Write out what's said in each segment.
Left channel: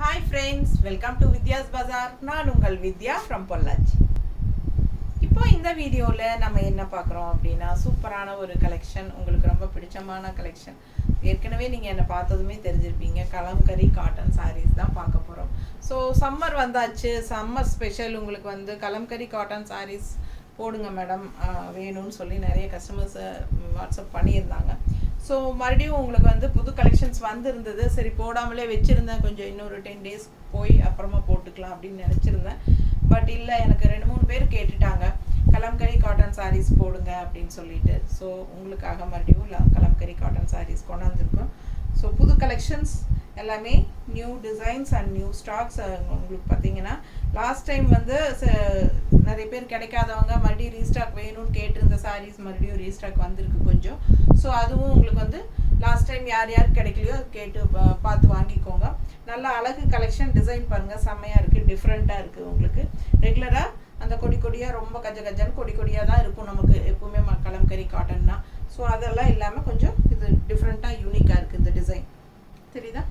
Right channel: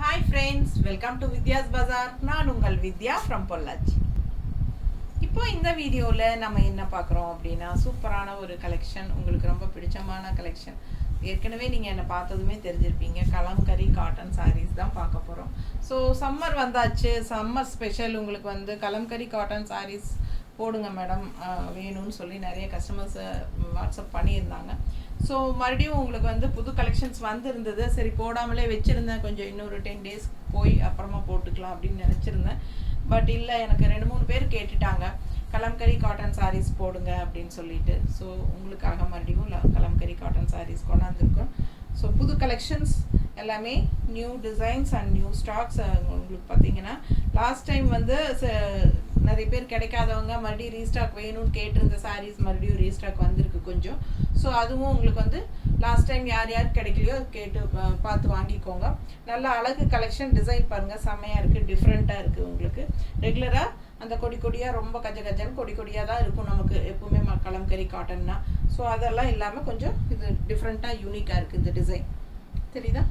Hi friends, welcome to Vidya's Bazaar. நான் உங்கள் வித்யா from Pollachi. இப்போ இந்த வீடியோவில் நம்ம என்ன பார்க்குறோம் அப்படின்னா சூப்பரான ஒரு கலெக்ஷன், உங்களுக்கு ரொம்ப பிடிச்சமான கலெக்ஷன். ஏற்கனவே நீங்கள் என்ன பார்த்ததுமே தெரிஞ்சிருப்பீங்க, கலம்கரி காட்டன் சாரீஸ் தான் பார்க்க போகிறோம். ஸோ சம்மர் வந்தாச்சு, சம்மர் ஸ்பெஷல் உங்களுக்கு வந்து கலம்கரி காட்டன் சாரீஸ் போடுங்க மேடம் வேணும்னு சொல்லி நிறைய கஸ்டமர்ஸ் வாட்ஸ்அப் பண்ணியிருந்தாங்க. ஸோ மறுபடியும் உங்களுக்கு வந்து புது கலெக்ஷன்ஸ் வந்துருந்தது. சரி போடாமலே வச்சுருந்தேன், கொஞ்சம் இன்னொரு 10 days போய் அப்புறமா போட்டுக்கலாம் அப்படின்னு நினச்சிருந்தேன். பட் இல்லை, எனக்கு 2-3 பேர் கேட்டுட்டாங்க கலம்கரி காட்டன் சாரீஸ் போடுங்க அப்படின்னு சொல்லிட்டு. ஸோ உங்களுக்காக மறுபடியும் கலம்கரி காட்டன் சாரீஸ் கொண்டாந்துருக்கோம். ஸோ புது கலெக்ஷன்ஸ் எல்லாமே new designs and new stocks. உங்களுக்கு பார்த்தீங்கன்னா லாஸ்ட் டைம் வந்து நிறைய பேர் கிடைக்காதவங்க மறுபடியும் ரீஸ்டாக் வேணும்னு கேட்டிருந்த சாரீஸ் மறுபடியும் ரீஸ்டாக் வந்திருக்கு கொஞ்சம். ஸோ அதுவும் உங்களுக்கு வந்து லாஸ்ட் டைம் யார் யார் கிடைக்கலையோ கேட்டு பார்த்து வாங்கிக்கோங்க. நல்ல அழகு கலெக்ஷன், டிசைன் பாருங்கள் செம்மையாக இருக்குது, டிஃப்ரெண்ட்டாக இருக்குது. உங்களுக்கு ரெகுலராக அந்த கொடியாக ரொம்ப கஜன்னு கொடியாக தான் இருக்கும் நமக்கு எப்பவுமே கலம்கரி காட்டன்னா. ஸோ அதெல்லாம் இல்லாமல் கொஞ்சம் இது டிஃப்ரெண்ட்டாக யூனிக்காக இருக்குது இந்த டிசைன். தெரியுதா?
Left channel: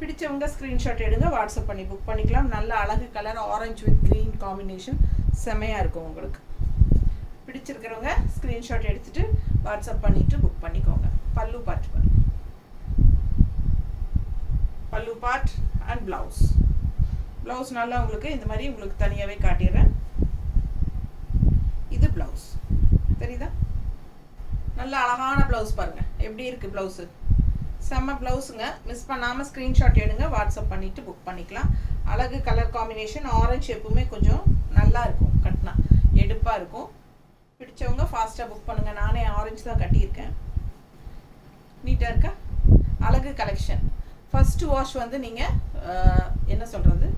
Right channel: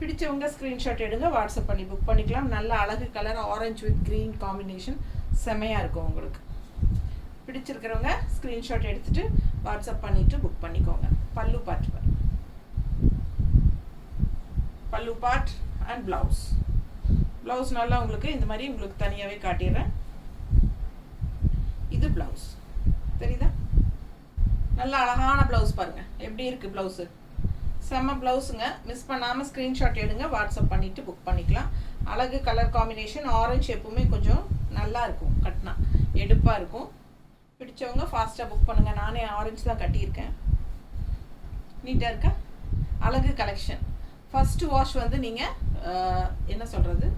பிடிச்சவங்க ஸ்க்ரீன்ஷாட் எடுங்க, வாட்ஸ்அப் பண்ணி புக் பண்ணிக்கலாம். நல்ல அழகு colour, orange with green combination செம்மையாக இருக்கும். உங்களுக்கு பிடிச்சிருக்கிறவங்க ஸ்க்ரீன்ஷாட் எடுத்துகிட்டு வாட்ஸ்அப் பண்ணிவிட்டு புக் பண்ணிக்கோங்க. பல்லு பார்ட் பாருங்க, பல்லு பார்ட் அண்ட் ப்ளவுஸ் நல்லா உங்களுக்கு இந்த மாதிரி உங்களுக்கு தனியாகவே காட்டிடுறேன். இது ப்ளவுஸ் தெரியுதா? நல்ல அழகான ப்ளவுஸ் பாருங்கள் எப்படி இருக்குது. ப்ளவுஸு செம்ம ப்ளவுஸுங்க. மிஸ் பண்ணாமல் ஸ்க்ரீன்ஷாட் எடுங்க, வாட்ஸ்அப் பண்ணிவிட்டு புக் பண்ணிக்கலாம். அழகு கலர் காம்பினேஷன், ஆரஞ்சு எப்பவுமே கொஞ்சம் நல்லா இருக்கும், கட்டினா எடுப்பாக இருக்கும். பிடிச்சவங்க ஃபாஸ்ட்டாக புக் பண்ணுங்கள். நானே ஆரஞ்சு தான் கட்டியிருக்கேன். நீட்டாக இருக்கா? அழகு கலெக்ஷன். ஃபஸ்ட்டு வாஷ் வந்து நீங்கள் என்ன சொல்கிறது,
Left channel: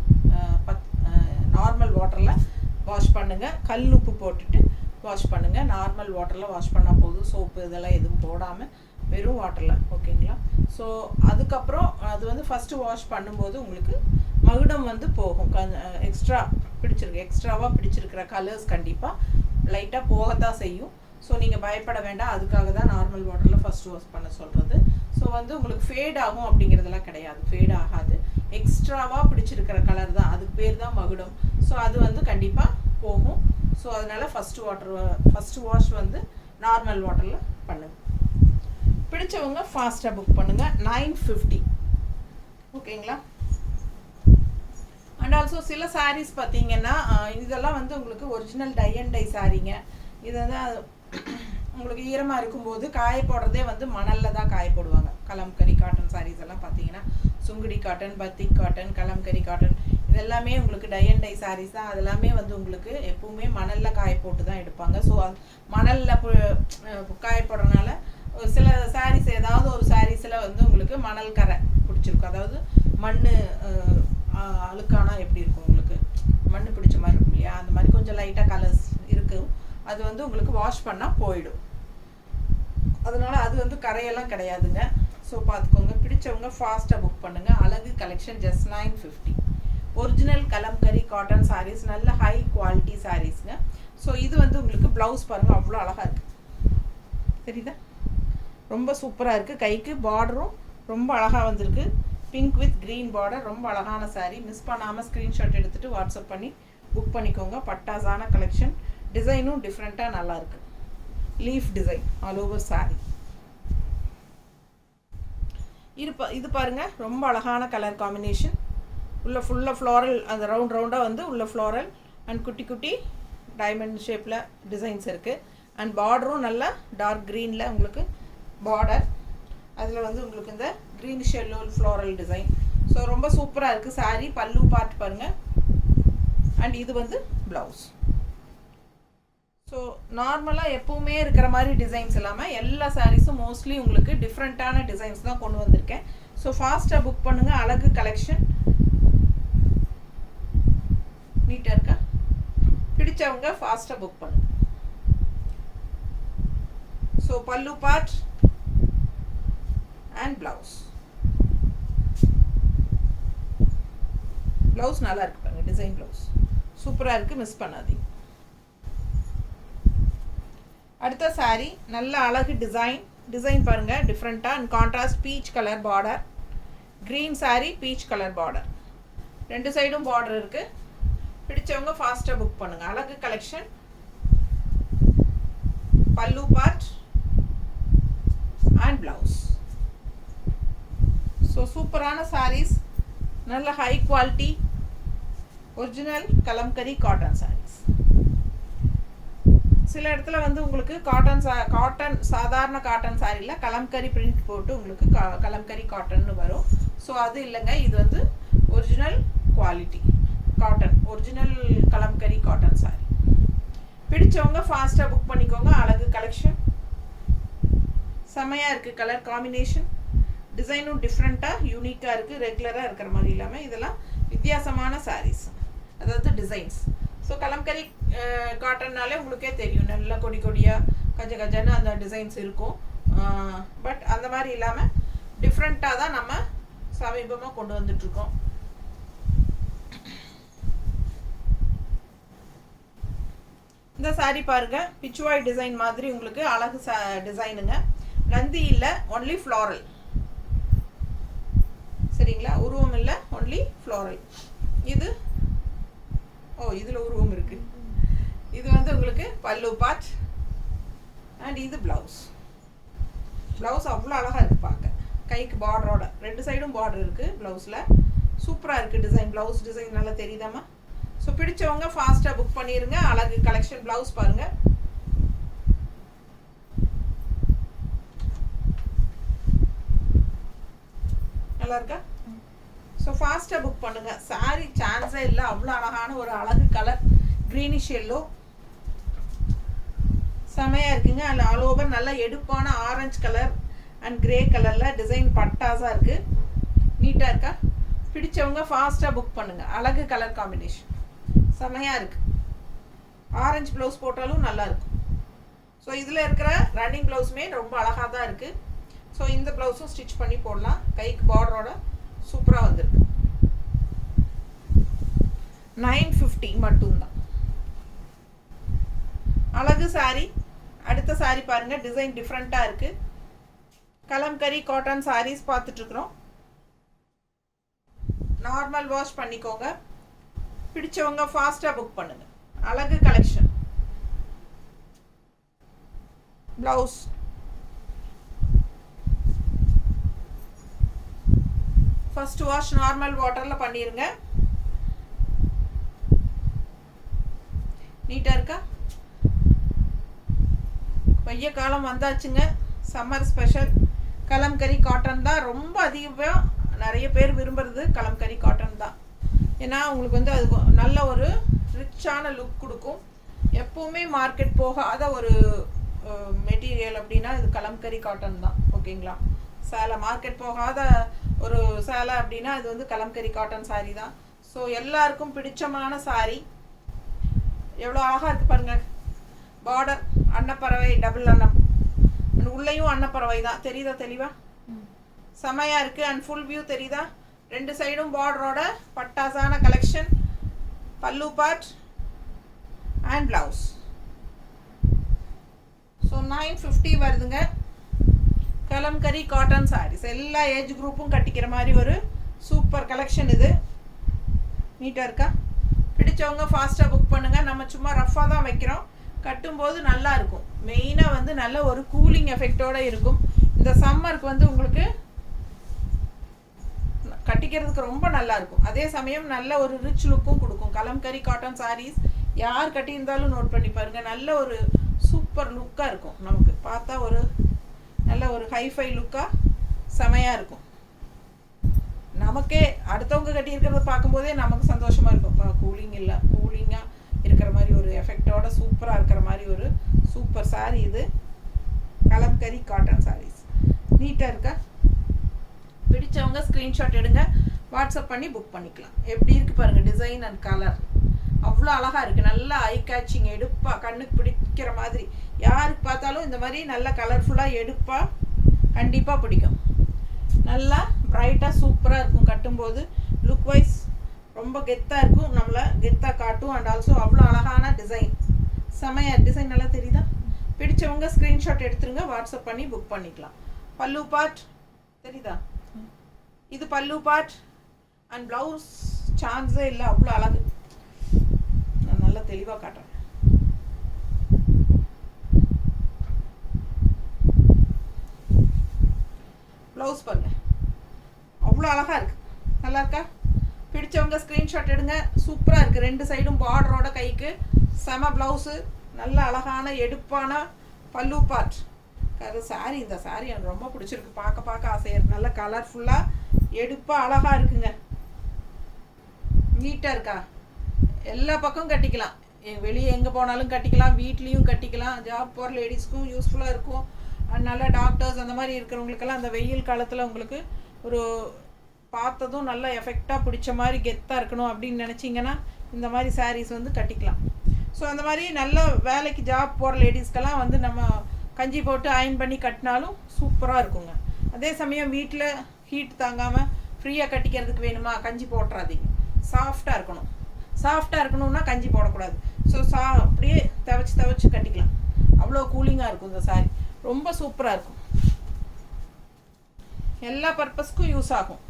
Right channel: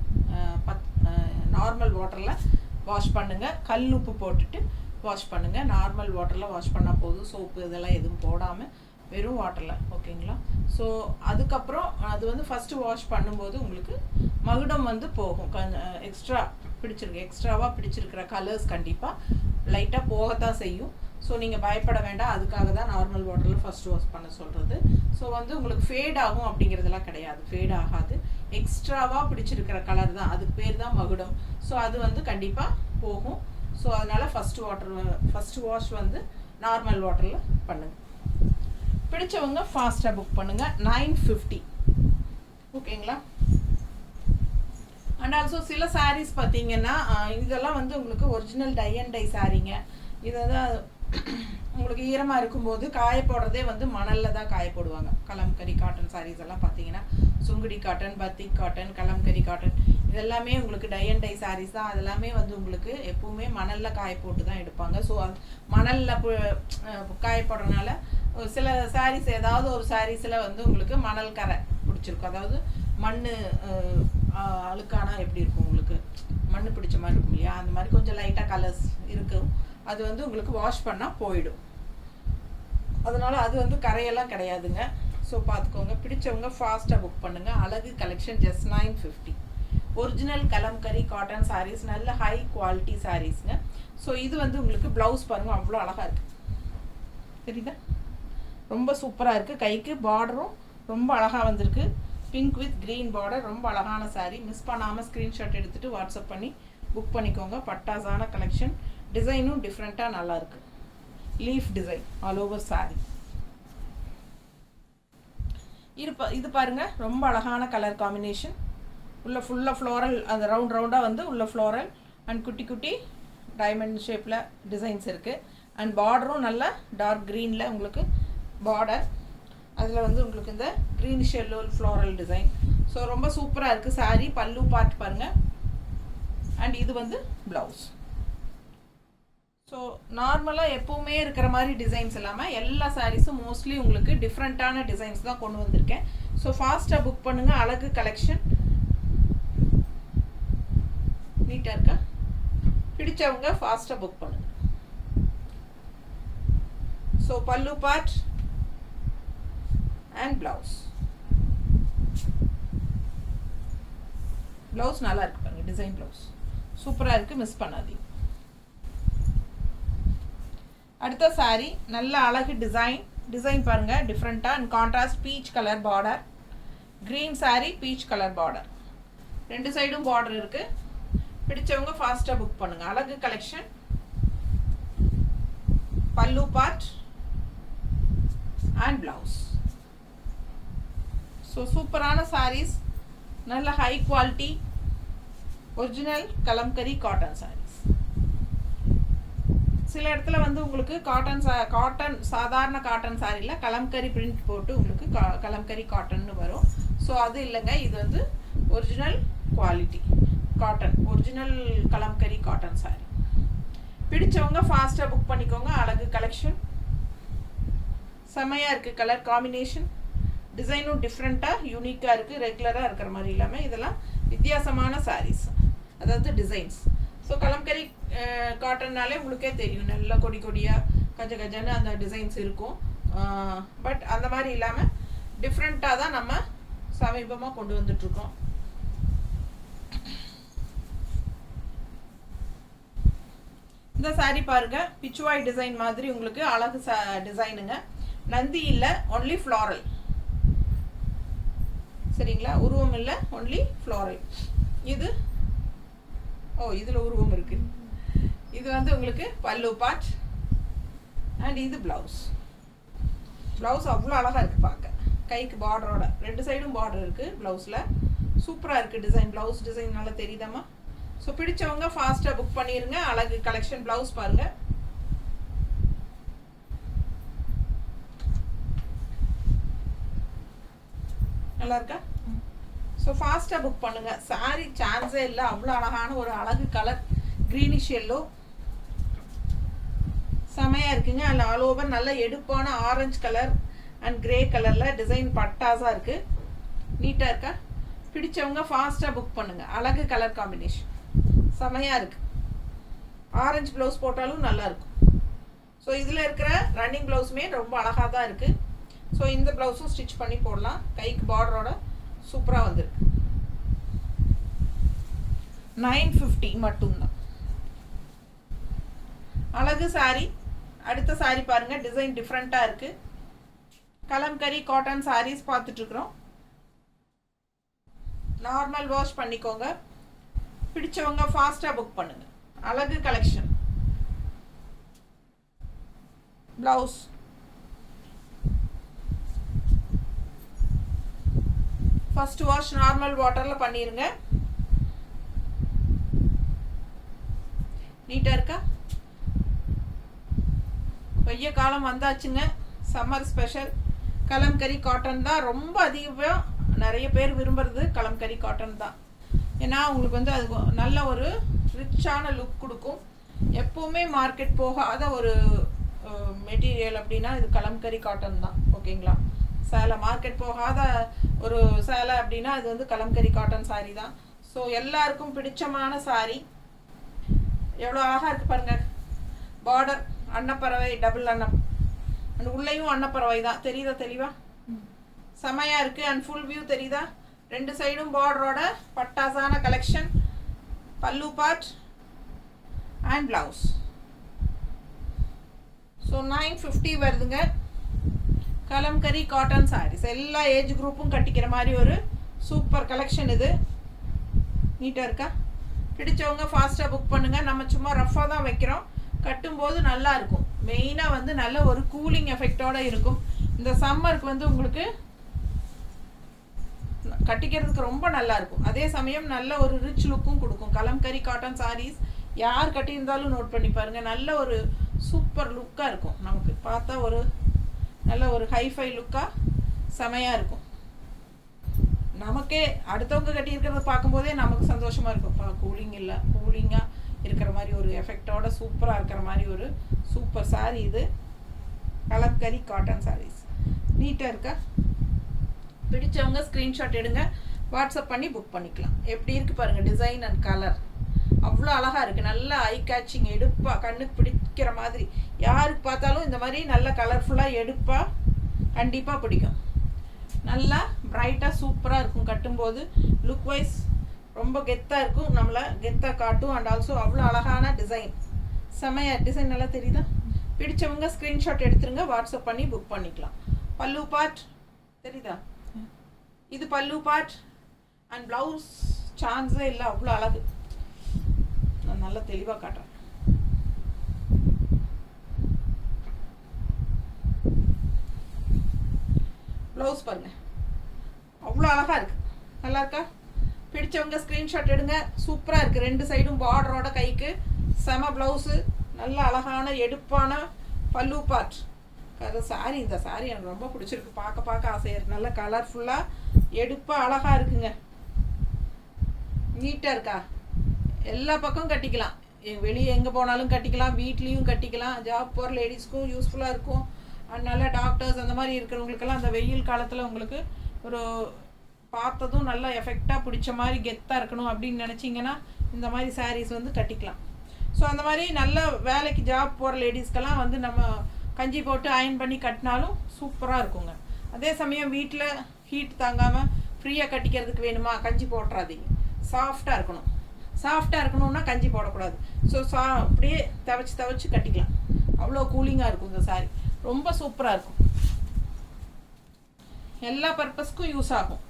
நார்மல் வாட்டரில் வாஷ் பண்ணுங்கள். கல் உப்பு போட்டுட்டு வாஷ் பண்ணுங்கள். நார்மல் வாட்டரில் வாஷ் பண்ணால் போதும், சோப்பு இதெல்லாம் எதுவும் போடாமல் வெறும் வாட்டரில், ஓகேங்களா? ஸோ அதுக்கப்புறம் அது வந்து ஃபஸ்ட்டு வாஷ் பண்ணும்போது உங்களுக்கு மகுடம் வந்து போகும். எக்ஸ்ட்ராவாக பிடிச்சிருக்கிற கலர்ஸ் கண்டிப்பாக லைட்டாக போகத்தான் செய்யும். ஸோ நீங்கள் பயப்பட வேண்டாம், அதுக்காக தான் நார்மல் வாட்டரில் ஃபஸ்ட்டு வாஷ் பண்ண சொல்கிறது. ஸோ வந்து உங்களுக்கு ஃபேட் ஆகும் அப்படிங்கிறதெல்லாம் கிடையாது, ஃபேட் ஆகாது. எக்ஸ்ட்ராவாக பிடிச்சிருக்கிற கலர் தான், அதுக்கு பேர் தான் மகுடம். ஸோ அது வந்து கண்டிப்பாக போகும். ஸோ அதனால் ஃபஸ்ட்டு வாஷ் வந்து நார்மல் வாட்டரில் பண்ணுங்கள். பிடிச்சவங்க ஃபாஸ்ட்டாக புக் பண்ணுங்கள். 950, ஓகேங்களா? அண்ட் ஆல்சோ சில சாரீஸ் பார்த்தீங்கன்னா இதெல்லாம் வந்து உங்களுக்கு ஒரிஜினல் டை அண்ட் டை சாரீங்க. இதை தான் உங்களுக்கு ஈரமாக இருக்கும்போது காய போடுறதே வந்து மணலில் தான் காய போடுவாங்க. கலம்கரி காட்டன் சாரீஸ் எல்லாம் பார்த்தீங்கன்னா Sungudi cotton, batik cotton, Kalamkari cotton இதெல்லாமே உங்களுக்கு டை அண்ட் டை சாரீஸ் தான். அதெல்லாமே வந்து உங்களுக்கு எப்பவுமே மணலில் காய போட்டு தான் எடுப்பாங்க. ஸோ மணலில் காய போடுறதுனால சில சாரீஸ், ஏதாவது ஒரு சாரீஸில் வந்து உங்களுக்கு மணல் கரை பிடிச்சிருக்கும். அதாவது மண் அழுக்கானா எப்படி இருக்கும், உங்களுக்கு மண் பிடிச்ச மாதிரி இருக்கும் இல்லையா, அந்த மாதிரி கொஞ்சம் லைட்டாக கலர்ஸ் இருக்கும். அது வந்து உங்களுக்கு வாஷ் பண்ணால் போயிடும். அதனால் அது வந்து கரையெல்லாம் கிடையாதுங்க. ஸோ பார்த்துக்கோங்க. பிடிச்சவங்க ஃபாஸ்ட்டாக புக் பண்ணுங்கள். அழகு collection just 950. Original kalamkari cotton sarees, நல்ல ஹை குவாலிட்டி சாரீஸ்ங்க. ஸோ இது வந்து உங்களுக்கு ப்ளவுஸ் பாருங்கள் அவ்வளோ அழகாக இருக்குது, தெரியுதா? ரொம்ப சூப்பராக இருக்குது. கைக்கு பார்டரும் ரொம்ப அழகாக வந்திருக்கு. பிங்க் வித் க்ரீன் பார்டர், ரொம்ப அழகான சாரீ. மிஸ் பண்ணாமல் ஸ்க்ரீன்ஷாட் எடுத்துகிட்டு வாட்ஸ்அப் பண்ணி புக் பண்ணிக்கோங்க. பட்டாசான கலெக்ஷன், டிசைனும் டிஃப்ரெண்ட்டாக நல்லாயிருக்கு. Leaf design all over sari. இது பாருங்கள் ரொம்ப அழகான கலர் காம்பினேஷன். உள்ள ஃபுல்லாக ஃப்ளோரல், அந்த ரவுண்டாக வந்து உள்ள ஃப்ளோரல் அண்ட் குட்டி டைமண்ட் ஷேப்பில் டிசைன்ஸ் இருக்குது. அண்ட் பார்டரும் நல்ல டார்க் க்ரீனில் உங்களுக்கு பார்டர். அதில் வந்து உங்களுக்கு இந்த greenish yellow floral design. So ரொம்ப சூப்பராக இருக்குது சாரீ. பல்லு பார்ட் பாருங்கள். அண்ட் இது வந்து ப்ளவுஸ். ஸோ நார்மலாக எப்பவுமே இருக்கிற மாதிரி டிசைன்ஸ் இல்லாமல் எல்லா சாரீஸும் மோஸ்ட்லி உங்களுக்கு டிஃப்ரெண்ட்டான டிசைன்ஸ் தான் கொண்டு வந்திருக்கேன். ஸோ ஃபாஸ்ட்டாக புக் பண்ணுங்கள். அழகு கலெக்ஷன் நீட்டாக இருக்கா? பிடிச்சவங்க ஃபாஸ்ட்டாக புக் பண்ணுங்கள். ஸோ பல்லு பார்ட் அண்ட் ப்ளவுஸ் நல்லா இருக்கு பாருங்க. டிசைன் ப்ளவுஸ் சூப்பராக இருக்குது, மிஸ் பண்ணாதீங்க. அடுத்த சாரீ நல்ல அழகு டிசைன் பாருங்கள், டிஃப்ரெண்ட்டாக and contrast peach colour border. Green sari, peach colour border. 2 சைடும் பார்டர் இருக்கு. பிடிச்சவங்க ஃபாஸ்டா புக் பண்ணுங்க. அழகு கலெக்ஷன். பல்லு பார்ட் அண்ட் பிளவுஸ். ஸோ சூப்பரான சாரீஸ், நல்ல high quality original kalamkari cotton sarees. சில இடத்துல வந்து உங்களுக்கு காட்டன் சாதாரண காட்டன் சாரியில் கலம்கரி பிரிண்ட் போட்டு உங்களுக்கு கலம்கரி காட்டன்னு வரும். ஸோ அது இல்லைங்க, இது வந்து original quality cotton, original kalamkari cotton sorry. பிடிச்சவங்க ஃபாஸ்ட்டாக புக் பண்ணிக்கோங்க. அழகு கலெக்ஷன் செம்மையாக இருக்குது. கலர் காம்பினேஷன் டிசைனும் டிஃப்ரெண்ட்டாக யூனிக்காக இருக்குது. ரெகுலராக இருக்கிற மாதிரி இல்லாமல் இதெல்லாம் வித்தியாசமான சாரீஸ், அதாவது டிசைன்ஸ். ஸோ கலம்கரி காட்டன்னாலே உங்களுக்கே தெரியும், நல்ல கொடி கொடியாக கஜ கஜன்னு அந்த டிசைன்ஸ் இருக்கும். பட் அந்த மாதிரி இல்லாமல் டிஃப்ரெண்ட்டாக தான் நம்ம சமீபமாக கொண்டு வந்துட்ருக்கோம். இந்த சாரீ பாருங்க, பிச்சுவாய் டிசைன் மாதிரி உங்களுக்கு அழகு டிசைனுங்க. நந்தி இல்லை, ஒன்லி ஃப்ளாரல். சரிங்களா, உருவம் இல்லை, ஒன்லி ஃப்ளாரல். இது இதில் உருவம் இருக்கு. இது வந்து உங்களுக்கு பல்லு பார்ட் அண்ட் இது பிளவுஸ். பிளவுஸ் அவ்வளோ அழகாக இருக்குது பார்க்க. கைக்கு பார்டரோட 2 சைடும் பார்டர் இருக்குது பிளவுஸில். சூப்பராக இருக்குது டிசைன். பிளவுஸ் டிசைன் நல்லா தெரியுதாம்மா? ஸோ பிடிச்சவங்க ஃபாஸ்ட்டாக புக் பண்ணிடுங்க. அழகு கலெக்ஷன். பிளவுஸ் பாருங்க, நல்லா இருக்கா? ஸோ ஃபாஸ்ட்டாக புக் பண்ணுங்க. சாரி சான்ஸே இல்லை, அவ்வளோ அழகான ஒரு அழகு கலர், க்ரீனிஷ் எல்லோ, செமையாக இருக்குங்க. அதில் ஆல் ஓவர் நல்ல எடுப்பான ஆரஞ்சு கலர் அண்ட் கிரே கலரில் டிசைன் பட்டாஸாக இருக்குது. நீட்டாக இருக்கா? பிடிச்சவங்க ஃபாஸ்ட்டாக புக் பண்ணுங்கள். அழகு கலர் காம்பினேஷன் செமையாக இருக்குது. ஆரஞ்சு ப்ளவுஸ் போட்டாலும் நல்லாயிருக்கும். ஸோ இதில் இருக்கிற ரன்னிங் ப்ளவுஸுமே ரொம்ப அழகாக தான் இருக்குது. ஸோ இந்த ப்ளவுஸும் ஸ்டிச் பண்ணி போடலாம். கைக்கு பார்டரோட சூப்பராக வந்திருக்கு. 950 மட்டும்தான். அழகு சாரி. அடுத்த சாரி பாருங்க, டிசைன் டிஃப்ரெண்ட்டாக இருக்குது. கலம்கரி காட்டன் சாரீஸ் பார்த்துட்ருக்குறோம். நார்மல் வாஷ் பண்ணிக்கோங்க. பிடிச்சவங்க ஃபாஸ்ட்டாக புக் பண்ணுங்க. அழகு collection. Blouse first wash normal வாட்டரில் பண்ணிடுங்க. நீட்டாக இருக்கா? வெய்ய காலம் வந்தாச்சுங்க. சம்மர் ஸ்பெஷல் கலம்கரி காட்டன் தான் ரொம்ப அதிகமாக நிறைய பேர் விரும்புறது. கலம்கரி காட்டன் தான். ஏன்னா உங்களுக்கு வந்து அது நல்ல ஒரு ரிச்சான லுக் கொடுக்கும். எப்போவுமே மார்க்கெட் போகாத ஒரு மெட்டீரியல் அப்படின்னா இது கலம்கரி காட்டன் தான். ஓகேங்களா? சேலை மார்க்கெட் போகாத ஒரு சேலை அப்படின்னா இது வந்து கலம்கரி காட்டன் சாரி தான். ஸோ எல்லாருக்கும் பிடிச்சமான சாரி. எவ்வளோ அழகாக இருக்குது பாருங்க. பார்டர் அன்னப்பறவை, டபுள் அன்னம், உள்ளேயும் அன்னப்பறவை தான். தெரியுதா தெளிவா? செமையாக இருக்குது. அண்ட் ஃபுல் வியூ தெரியுதா? 2 சைடும் பார்டரோட பட்டாசான கலெக்ஷன். பல்லு பார்ட் அண்ட் பிளவுஸ். ஸோ 950 வருதுங்க. கலம்கரி காட்டன் சாரீஸ் எல்லா ஏஜ் குரூப்பும் கட்டிக்கிற மாதிரி ஒரு சூப்பர் கலெக்ஷன் இது. நீட்டாக இருக்கா? பிடிச்சவங்க ஃபாஸ்ட்டாக புக் பண்ணுங்கள். நம்ம சும்மா ரஃப்பாக தான் வைக்கிறோம். கட்டும்போது நல்லா இருக்கும். மெயினாக வந்து நல்ல ஒரு கூலிங் எஃபெக்டோடு இருக்கும். இந்த சம்மருக்கு வந்து உங்களுக்கு கட்டிக்கிறதுக்கு ரொம்ப நல்லா இருக்கும். அதே சமயம் நல்ல ஒரு ரிச் லுக்கும் கொடுக்கும். கலம்கரி காட்டன் சாரீஸ் யார் கட்டியிருந்தாலும் நோட் பண்ணி பாருங்கள். நல்ல ஒரு சூப்பர் லுக்காக இருக்கும். நமக்கு பார்த்தா ஒரு நல்ல ஒரு ஹைஃபை லுக்காக செமையாக இருக்கும். நமக்கே அடுத்தவங்க கட்டியிருக்கிறத பார்க்கும்போதே நமக்கு சந்தோஷமாக இருக்கும். கூலிங் இல்லை, கூலிங்காக இருக்கிற மாதிரி ஒரு எஃபெக்டோட சூப்பராக இருக்கிற மாதிரி ஒரு சூப்பர் சாரீ இது. கலம்கரி காட்டன் சாரீஸ் நீட்டாக இருக்கா? பிடிச்சவங்க ஸ்க்ரீன்ஷாட் எடுங்க, வாட்ஸ்அப் பண்ணி புக் பண்ணிக்கலாம். எப்படி இருக்குது பாருங்கள் டிசைன் அண்ட் கலர். அவ்வளோ அழகாக இருக்குது. நல்லா ஐ கேட்சிங், எடுப்பாக கண்ணுக்கு பிடிக்கிற மாதிரி. யாருக்கு பார்த்தாலும் இந்த மாதிரி நல்ல கலர்ஃபுல்லாக எடுப்பாக கண்டிப்பாக பிடிக்கும். நல்லா பிரைட்டாக சூப்பராக இருக்கும். கட்டும்போது லுக் வைஸ் ரொம்ப கெத்தாக இருக்கும். நம்மளை கெத்தாக காட்டும். அண்ட் ஆல்சோ அவ்வளோ அழகான டிசைன். செமையாக டிசைன் நல்லா தெரியுதா? பிடிச்சவங்க ஸ்க்ரீன்ஷாட் எடுத்துருங்க, வாட்ஸ்அப் பண்ணி புக் பண்ணிக்கலாம். பல்லு பார்ட் தெரியுதா? இது பல்லு பார்ட் அண்ட் பிளவுஸ் சான்ஸே இல்லை, அவ்வளோ அழகு. நான் நல்லா தெளிவாக காட்டுறேன். ப்ளவுஸ் பாருங்க, அவ்வளோ அழகாக இருக்குது. நல்லா இருக்கா? பிடிச்சவங்க ஸ்க்ரீன்ஷாட் எடுங்க. சூப்பராக இருக்குது. 2 சைடும் பார்டரோட கைக்கு செம ப்ளவுஸு. நல்ல அழகான எடுப்பான பல்லு பார்ட். சாரி, இந்த சாரி எனக்கு ரொம்ப பிடிச்சிருக்கு. பார்க்க ஆசையாக இருக்குது. நல்ல கலர்ஃபுல்லாக எடுப்பாக அழகாக இருக்குங்க. நீட்டாக இருக்கா? எல்லா பக்கமும் கட்டிக்கலாம். வெளியே எங்கே போனாலும் கட்டிக்கலாம், வீட்லேயும் கட்டிக்கலாம். ஜாப் போகிற லேடிஸ்க்கும் யூஸ்ஃபுல்லாக இருக்கும். அதனால டாக்டர்ஸ் அந்த மாதிரி இருக்கிறவங்களுக்கெல்லாம் அந்த வெயில் காலத்தில் உங்களுக்கு ஒரு பார்த்ததும் நல்லா எஃபெக்டாக பிடிச்ச மாதிரி கெத்தாக இருக்கணும் அப்படின்னு நினச்சிங்கன்னா இந்த மாதிரி சாரீஸ் வந்து கட்டிக்கலாம். ஸோ அந்த மாதிரி நல்ல வேலைக்கு ஜாப் போகிற லேடிஸ்க்கெல்லாம் வந்து நம்ம கஞ்சி போட்டு அயன் பண்ணி கட்டினாலும் சூப்பராக இருக்குங்க. அதே சமயம் வீட்டில் ஹீட் தாங்காமல் ஃப்ரீயாக கட்டிக்கிறதுக்கு வேணுமா, கஞ்சி போட்டுறாதீங்க. சாஃப்டாக இருக்கணும். சாஃப்டாக இருக்கணும்னா கஞ்சி போடக்கூடாது. ஸோ அப்படியே துவைச்சி கட்டிக்கலாம். அவ்வளோ கூலிங்காக இருக்கும் இந்த சாரீ. ரொம்ப சூப்பராக இருக்கும். எல்லா பர்பஸ்க்கும் யூஸ் ஆகும்.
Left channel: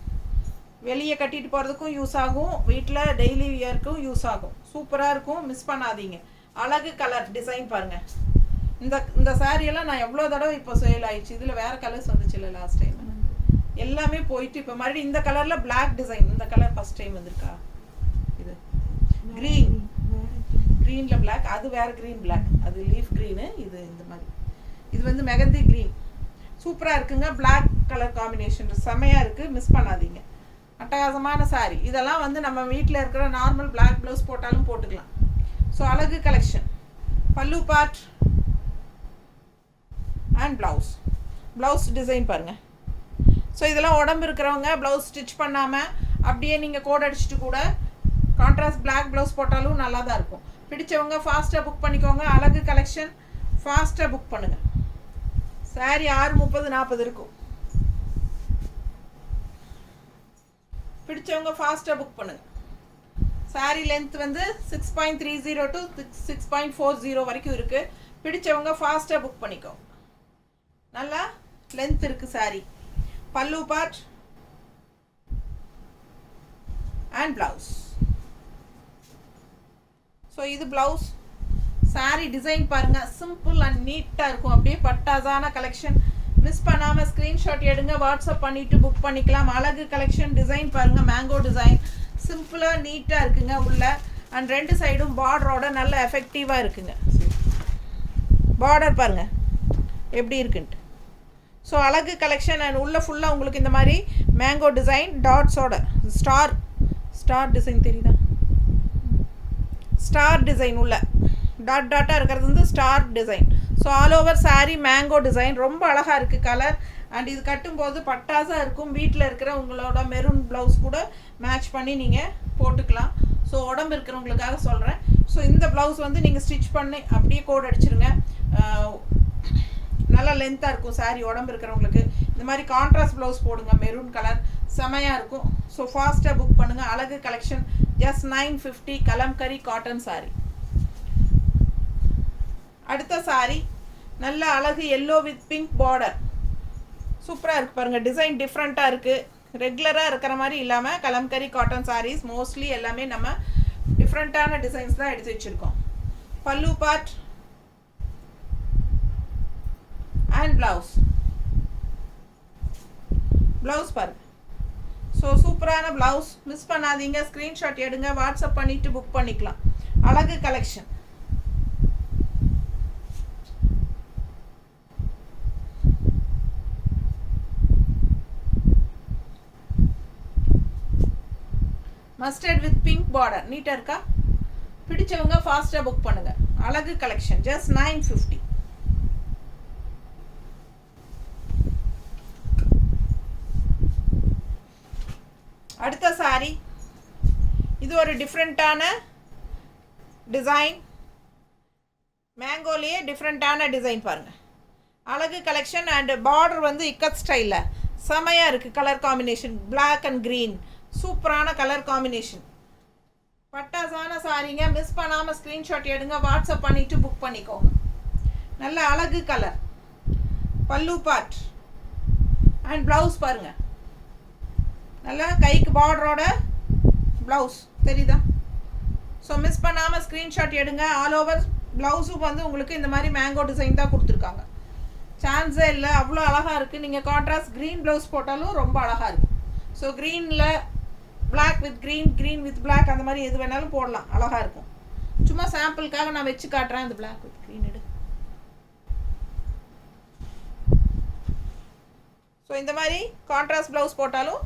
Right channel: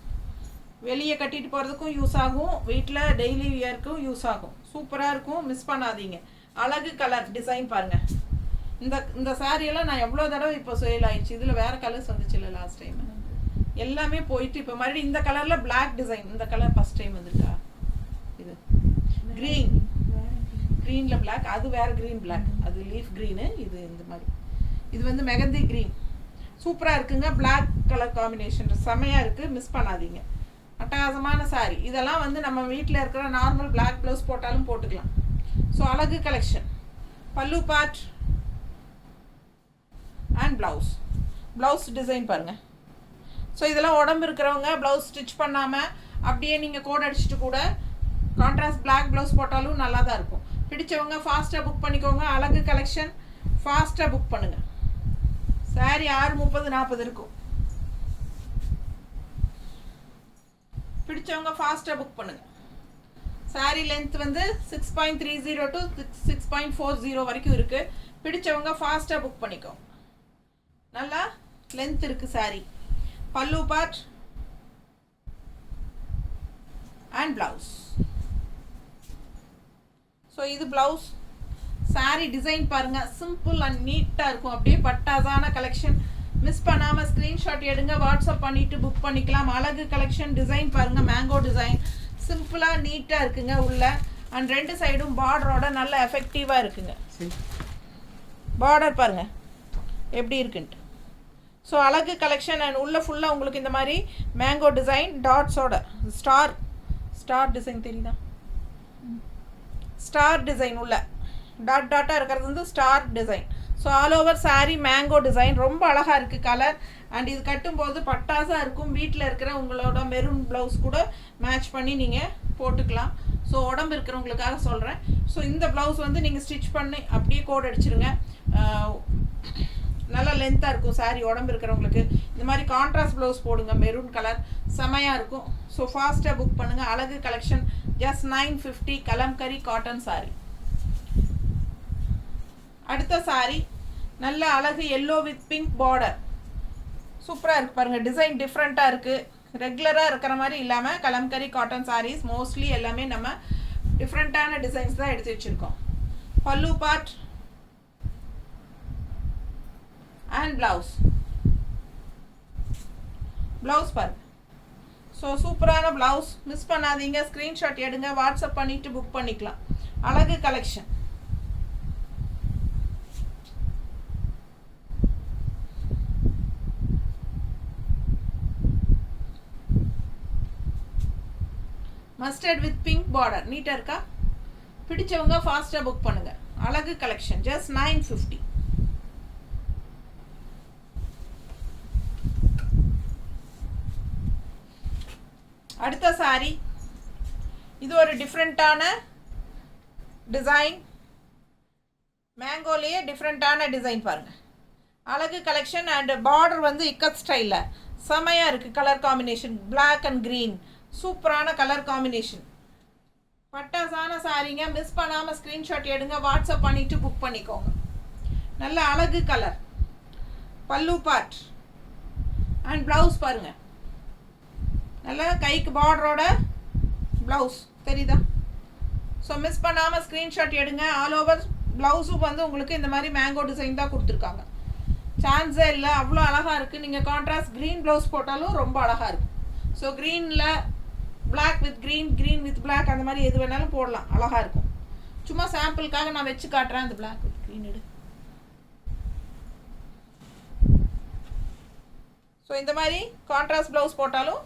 வெளியே கட்டிட்டு போகிறதுக்கும் யூஸ் ஆகும், வீட்டில் டெய்லி வியருக்கும் யூஸ் ஆகும். சூப்பராக இருக்கும். மிஸ் பண்ணாதீங்க. அழகு கலர் டிசைன் பாருங்கள். இந்த சாரியெல்லாம் நான் எவ்வளோ தடவை இப்போ சேல் ஆயிடுச்சு. இதில் வேறு கலர்ஸ் வந்துச்சு இல்லை லாஸ்ட் டைம், எல்லாமே போயிட்டு இப்போ மறுபடியும் இந்த கலரில் பிளாக் டிசைன். இந்த கலர் ஃபஸ்ட் டைம் வந்துருக்கா? இது க்ரீனில் பிளாக். அது வேறு க்ரீன் பிளாக். அது லீஃப் க்ரீனு. இது இந்த மாதிரி. இது வந்து மெகந்தி க்ரீன். சூப்பராக இருக்குங்க. பிளாக் கலர் காம்பினேஷன் செம்மையாக இருக்குது. மிஸ் பண்ணாதீங்க. அட்டகாசமான சாரி. இதெல்லாம் வந்து நம்ம வீட்டில் இருக்கிற நார்மல் பிளாக் ப்ளவுஸ் போட்டாலும் போட்டுக்கலாம். ஸோ அழகு கலெக்ஷன். பல்லு பார்ட் அண்ட் ப்ளவுஸ் டிசைன் பாருங்கள். ஸோ இதெல்லாம் உடம்பு இருக்கிறவங்க ப்ளவுஸ் ஸ்டிச் பண்ணாமல் அப்படியே நீங்கள் கோட் அடிச்சுட்டு கூட கான்ட்ராஸ்ட் பிளாக் ப்ளவுஸ் போட்டாலும் நல்லா தான் இருக்கும். பிடிச்சவங்க ஃபாஸ்ட்டாக புக் பண்ணிக்கோங்க. அழகு கலெக்ஷன் ஃபாஸ்ட்டாக புக் பண்ணுங்கள். சாரி 6:30-40 இருக்கும். பிடிச்சவங்க ஃபாஸ்ட்டாக புக் பண்ணுங்கள். சாரி லென்த் வந்து 6.30 to 6.40 வரைக்கும் இருக்குது. பிடிச்சவங்க ஃபாஸ்ட்டாக புக் பண்ணிக்கோங்க. நல்லா லென்த் இருக்குது சாரி. பல்லு பார்ட் அண்ட் ப்ளவுஸ். ஸோ இது ப்ளவுஸ். சாரி டிசைன் பாருங்கள். சிம்பிள் அண்ட் நீட்டாக இருக்கும். அப்படியே பட்டாசான கலெக்ஷன். மிஸ் பண்ணாமல் ஸ்க்ரீன்ஷாட் எடுங்க. வாட்ஸ்அப் பண்ணிவிட்டு புக் பண்ணிக்கலாம். அழகு கலெக்ஷன். டிசைன் பாருங்கள். Mango design. சிம்பிளாக நீட்டாக இருக்குங்க உள்ள. அண்ட் 2 சைடும் பார்டரோட நல்ல எஃபெக்டிவாக இருக்குங்க. பார்டர் பாருங்கள் எப்படி இருக்குன்ட்டு. ஸோ அழகு கலெக்ஷன். அண்ட் உள்ள ஃபுல்லாக உங்களுக்கு இந்த மாதிரி மேங்கோ டிசைன் டாட்ஸோட ஸ்டார் டிசைன் தெரியுதா? ஸ்டார் டிசைன் உள்ள டாட்டாக இருக்கிறது வந்து star design. So all over sari mango design. ரொம்ப அழகாக இருக்குது கலர். அண்ட் இது கட்டும்போது பட்டாசாக இருக்கும். வீட்டில் இருக்கிற உங்களோட மெரூன் ப்ளவுஸ் கூட மேட்ச் பண்ணி நீங்கள் போட்டுக்கலாம். ஸோ உடம்பு இருக்கிறவங்களுக்காக சொல்கிறேன். ஸோ இந்த ப்ளவுஸ் வந்து நீங்கள் ஸ்டிச் பண்ணி அப்படியே கோட் அடிச்சிருங்க. நல்லா லென்த்தாக இருக்கும் சாரீ. உடம்பு இருக்கிறவங்களுக்கு இந்த மாதிரி கான்ட்ராஸ்ட் ப்ளவுஸ் போடுங்க. மெரூன் கலர் செமையாக இருக்கும். ஸோ ஃபாஸ்ட்டாக புக் பண்ணுங்கள். அழகு collection. Just 950 kalamkari cotton sari. அடுத்த சாரீ நல்ல அழகு எல்லோ வித் பிங்க் பார்டர். சூப்பராக இருக்குது பாருங்கள். டிசைன் டிஃப்ரெண்ட்டாக இருக்குது. ரெகுலராக இருக்கிற மாதிரி இல்லாமல் கலம்கரி காட்டன் சாரீஸ் மோஸ்ட்லி எல்லாமே நம்ம டிஃப்ரெண்ட்டான டிசைன்ஸ் தான் எடுத்து வச்சுருக்கோம். பல்லு பார்ட் அண்ட் ப்ளவுஸ் பாருங்கள். ஸோ சூப்பரான ப்ளவுஸ். மிஸ் பண்ணாதீங்க. ஸ்க்ரீன்ஷாட் எடுங்க. வாட்ஸ்அப் பண்ணிவிட்டு புக் பண்ணிக்கலாம். அழகு collection. Mustard with pink border. நீட்டாக இருக்கா? பிடிச்சவங்க ஃபாஸ்ட்டாக புக் பண்ணுங்கள். அழகு கலெக்ஷன். ஜஸ்ட் 950. அடுத்த சாரி. இது ஒரு டிஃப்ரெண்ட்டான டிசைன். மேங்கோலேயே டிஃப்ரெண்ட்டான டிசைன் பாருங்கள். அழகு கலெக்ஷன். அண்ட் பார்டர் வந்து இக்கத் ஸ்டைலில் செமையாக இருக்குது. Colour combination black and green. சூப்பரான கலர் காம்பினேஷன். பட்டாசான சாரீங்க. மிஸ் பண்ணாமல் ஸ்க்ரீன்ஷாட் எடுங்க. வாட்ஸ்அப் பண்ணிவிட்டு புக் பண்ணிக்கோங்க. நல்ல அழகு கலர். பல்லு பார்ட் அண்ட் ப்ளவுஸ் பாருங்கள். நல்லா கைக்கு பார்டரோட ப்ளவுஸ் தெரியுதா? ஸோ மிஸ் பண்ணாமல் ஸ்க்ரீன்ஷாட் எடுங்க. ஆல் ஓவர் ப்ளவுஸும் வந்து உங்களுக்கு இந்த மாதிரி மேங்கோ டிசைன் தான் கொடுத்துருக்காங்க. சான்ஸே இல்லை, அவ்வளோ அழகாக இருக்குது. நீங்கள் கான்ட்ராஸ்ட் க்ரீன் ப்ளவுஸ் போட்டாலும் ரொம்ப அழகாக இருக்கும். ஸோ க்ரீனில் black with green with black அந்த மாதிரி எது வேணாலும் போடலாம், அழகாக இருக்கும். சும்மா சாம்பிளுக்காக நான் வச்சு காட்டுறேன். அந்த பிளாக் வித் க்ரீன் எடு. ஸோ இந்த மாதிரி கான்ட்ராஸ்ட் ப்ளவுஸ் போட்டாலும்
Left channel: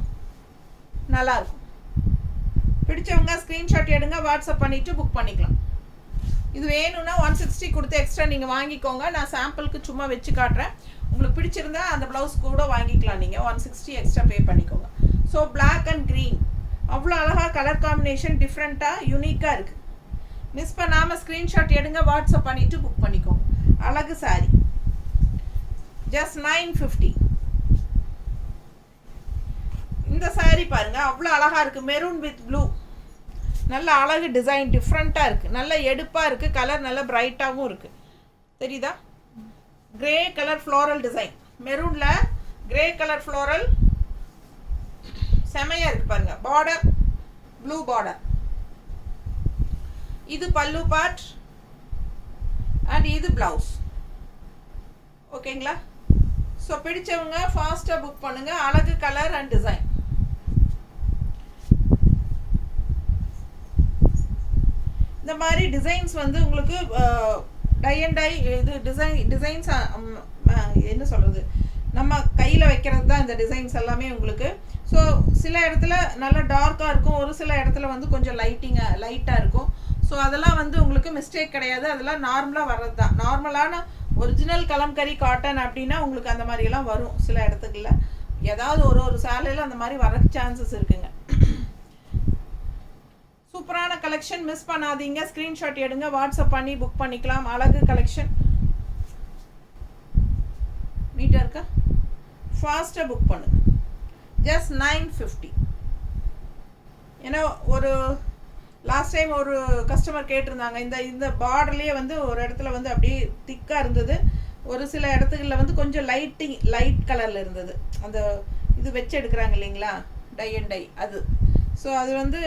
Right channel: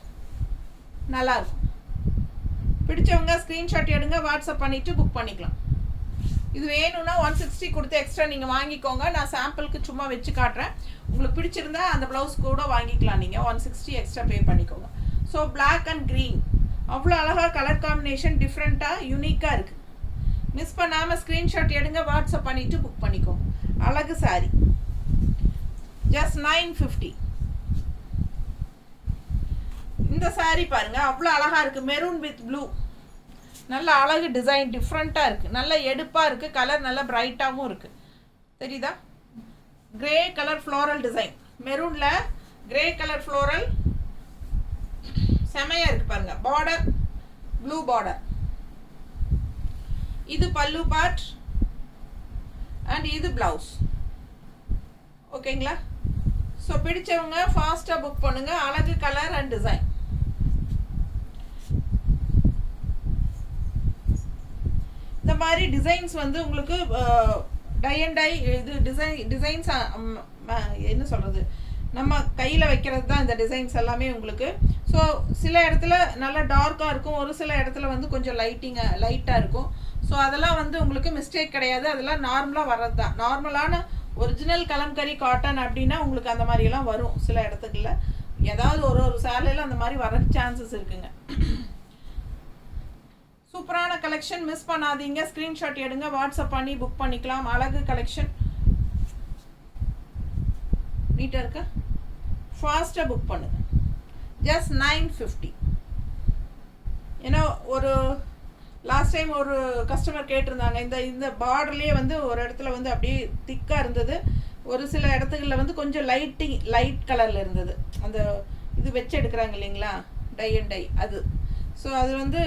நல்லாயிருக்கும். பிடிச்சவங்க ஸ்க்ரீன்ஷாட் எடுங்க, வாட்ஸ்அப் பண்ணிவிட்டு புக் பண்ணிக்கலாம். இது வேணும்னா 160 கொடுத்து எக்ஸ்ட்ரா நீங்கள் வாங்கிக்கோங்க. நான் சாம்பிளுக்கு சும்மா வச்சு காட்டுறேன். உங்களுக்கு பிடிச்சிருந்தா அந்த ப்ளவுஸ் கூட வாங்கிக்கலாம். நீங்கள் 160 எக்ஸ்ட்ரா பே பண்ணிக்கோங்க. ஸோ பிளாக் அண்ட் க்ரீன் அவ்வளோ அழகாக கலர் காம்பினேஷன் டிஃப்ரெண்ட்டாக யூனிக்காக இருக்குது. மிஸ் பண்ணாமல் ஸ்க்ரீன்ஷாட் எடுங்க, வாட்ஸ்அப் பண்ணிவிட்டு புக் பண்ணிக்கோங்க. அழகு சாரி, ஜஸ்ட் 950. இந்த சாரி பாருங்க, அவ்வளோ அழகாக இருக்குது. மெரூன் வித் ப்ளூ, நல்ல அழகு டிசைன், டிஃப்ரெண்ட்டாக இருக்குது, நல்ல எடுப்பாக இருக்குது. கலர் நல்ல பிரைட்டாகவும் இருக்குது. தெரியுதா? கிரே கலர் ஃப்ளோரல் டிசைன், மெரூனில் கிரே கலர் ஃப்ளோரல் செமையாக இருக்குது பாருங்கள். Border blue border. இது பல்லு பார்ட் அண்ட் இது ப்ளவுஸ். ஓகேங்களா? ஸோ பிடிச்சவங்க ஃபாஸ்ட்டாக புக் பண்ணுங்கள். அழகு கலர் அண்ட் டிசைன். இந்த மாதிரி டிசைன்ஸ் வந்து உங்களுக்கு டை அண்ட் டை இது டிசைன்ஸ் என்ன சொல்கிறது, நம்ம கையில் வைக்கிறது தான் இந்த டிசைன்ஸ் எல்லாமே உங்களுக்கு. ஸோ சில இடத்துல நல்லா டார்க்காக இருக்கும், ஒரு சில இடத்துல வந்து கொஞ்சம் லைட்டாக இருக்கும். ஸோ அதெல்லாம் வந்து உங்களுக்கு மிஸ்டேக் கிடையாது, அதெல்லாம் நார்மலாக வர்றது தான். நார்மலான ஒரிஜினல் கலம்கரி காட்டன் அப்படின்னா உங்களுக்கு அந்த மாதிரியெல்லாம் வரும். சில இடத்துக்குள்ள ஏதாவது ஒரு சேலையில் அந்த மாதிரி வர சான்சஸ் இருக்குங்க. சூப்பரான கலெக்ஷன், மிஸ் பண்ணாதீங்க. ஸ்க்ரீன்ஷாட் எடுங்க, வாட்ஸ்அப் பண்ணி புக் பண்ணிக்கலாம். அழகு கலெக்ஷன், நீட்டாக இருக்கா? ஃபாஸ்ட்டாக புக் பண்ணுங்க. ஜஸ்ட் 950. ஏன்னா ஒரு லாஸ்ட் டைம் ஒரு கஸ்டமர் கேட்டிருந்தாங்க, இந்த பார்டர்லேயே வந்து ஒரு இடத்துல வந்து அப்படியே திக்காக இருந்தது, ஒரு சில இடத்துகளில் வந்து கொஞ்சம் லைட் கலரில் இருந்தது. அந்த இது வச்சு எடுக்கிறாங்க இல்லைங்களா, டை அண்ட் டை அது. ஸோ அது வந்து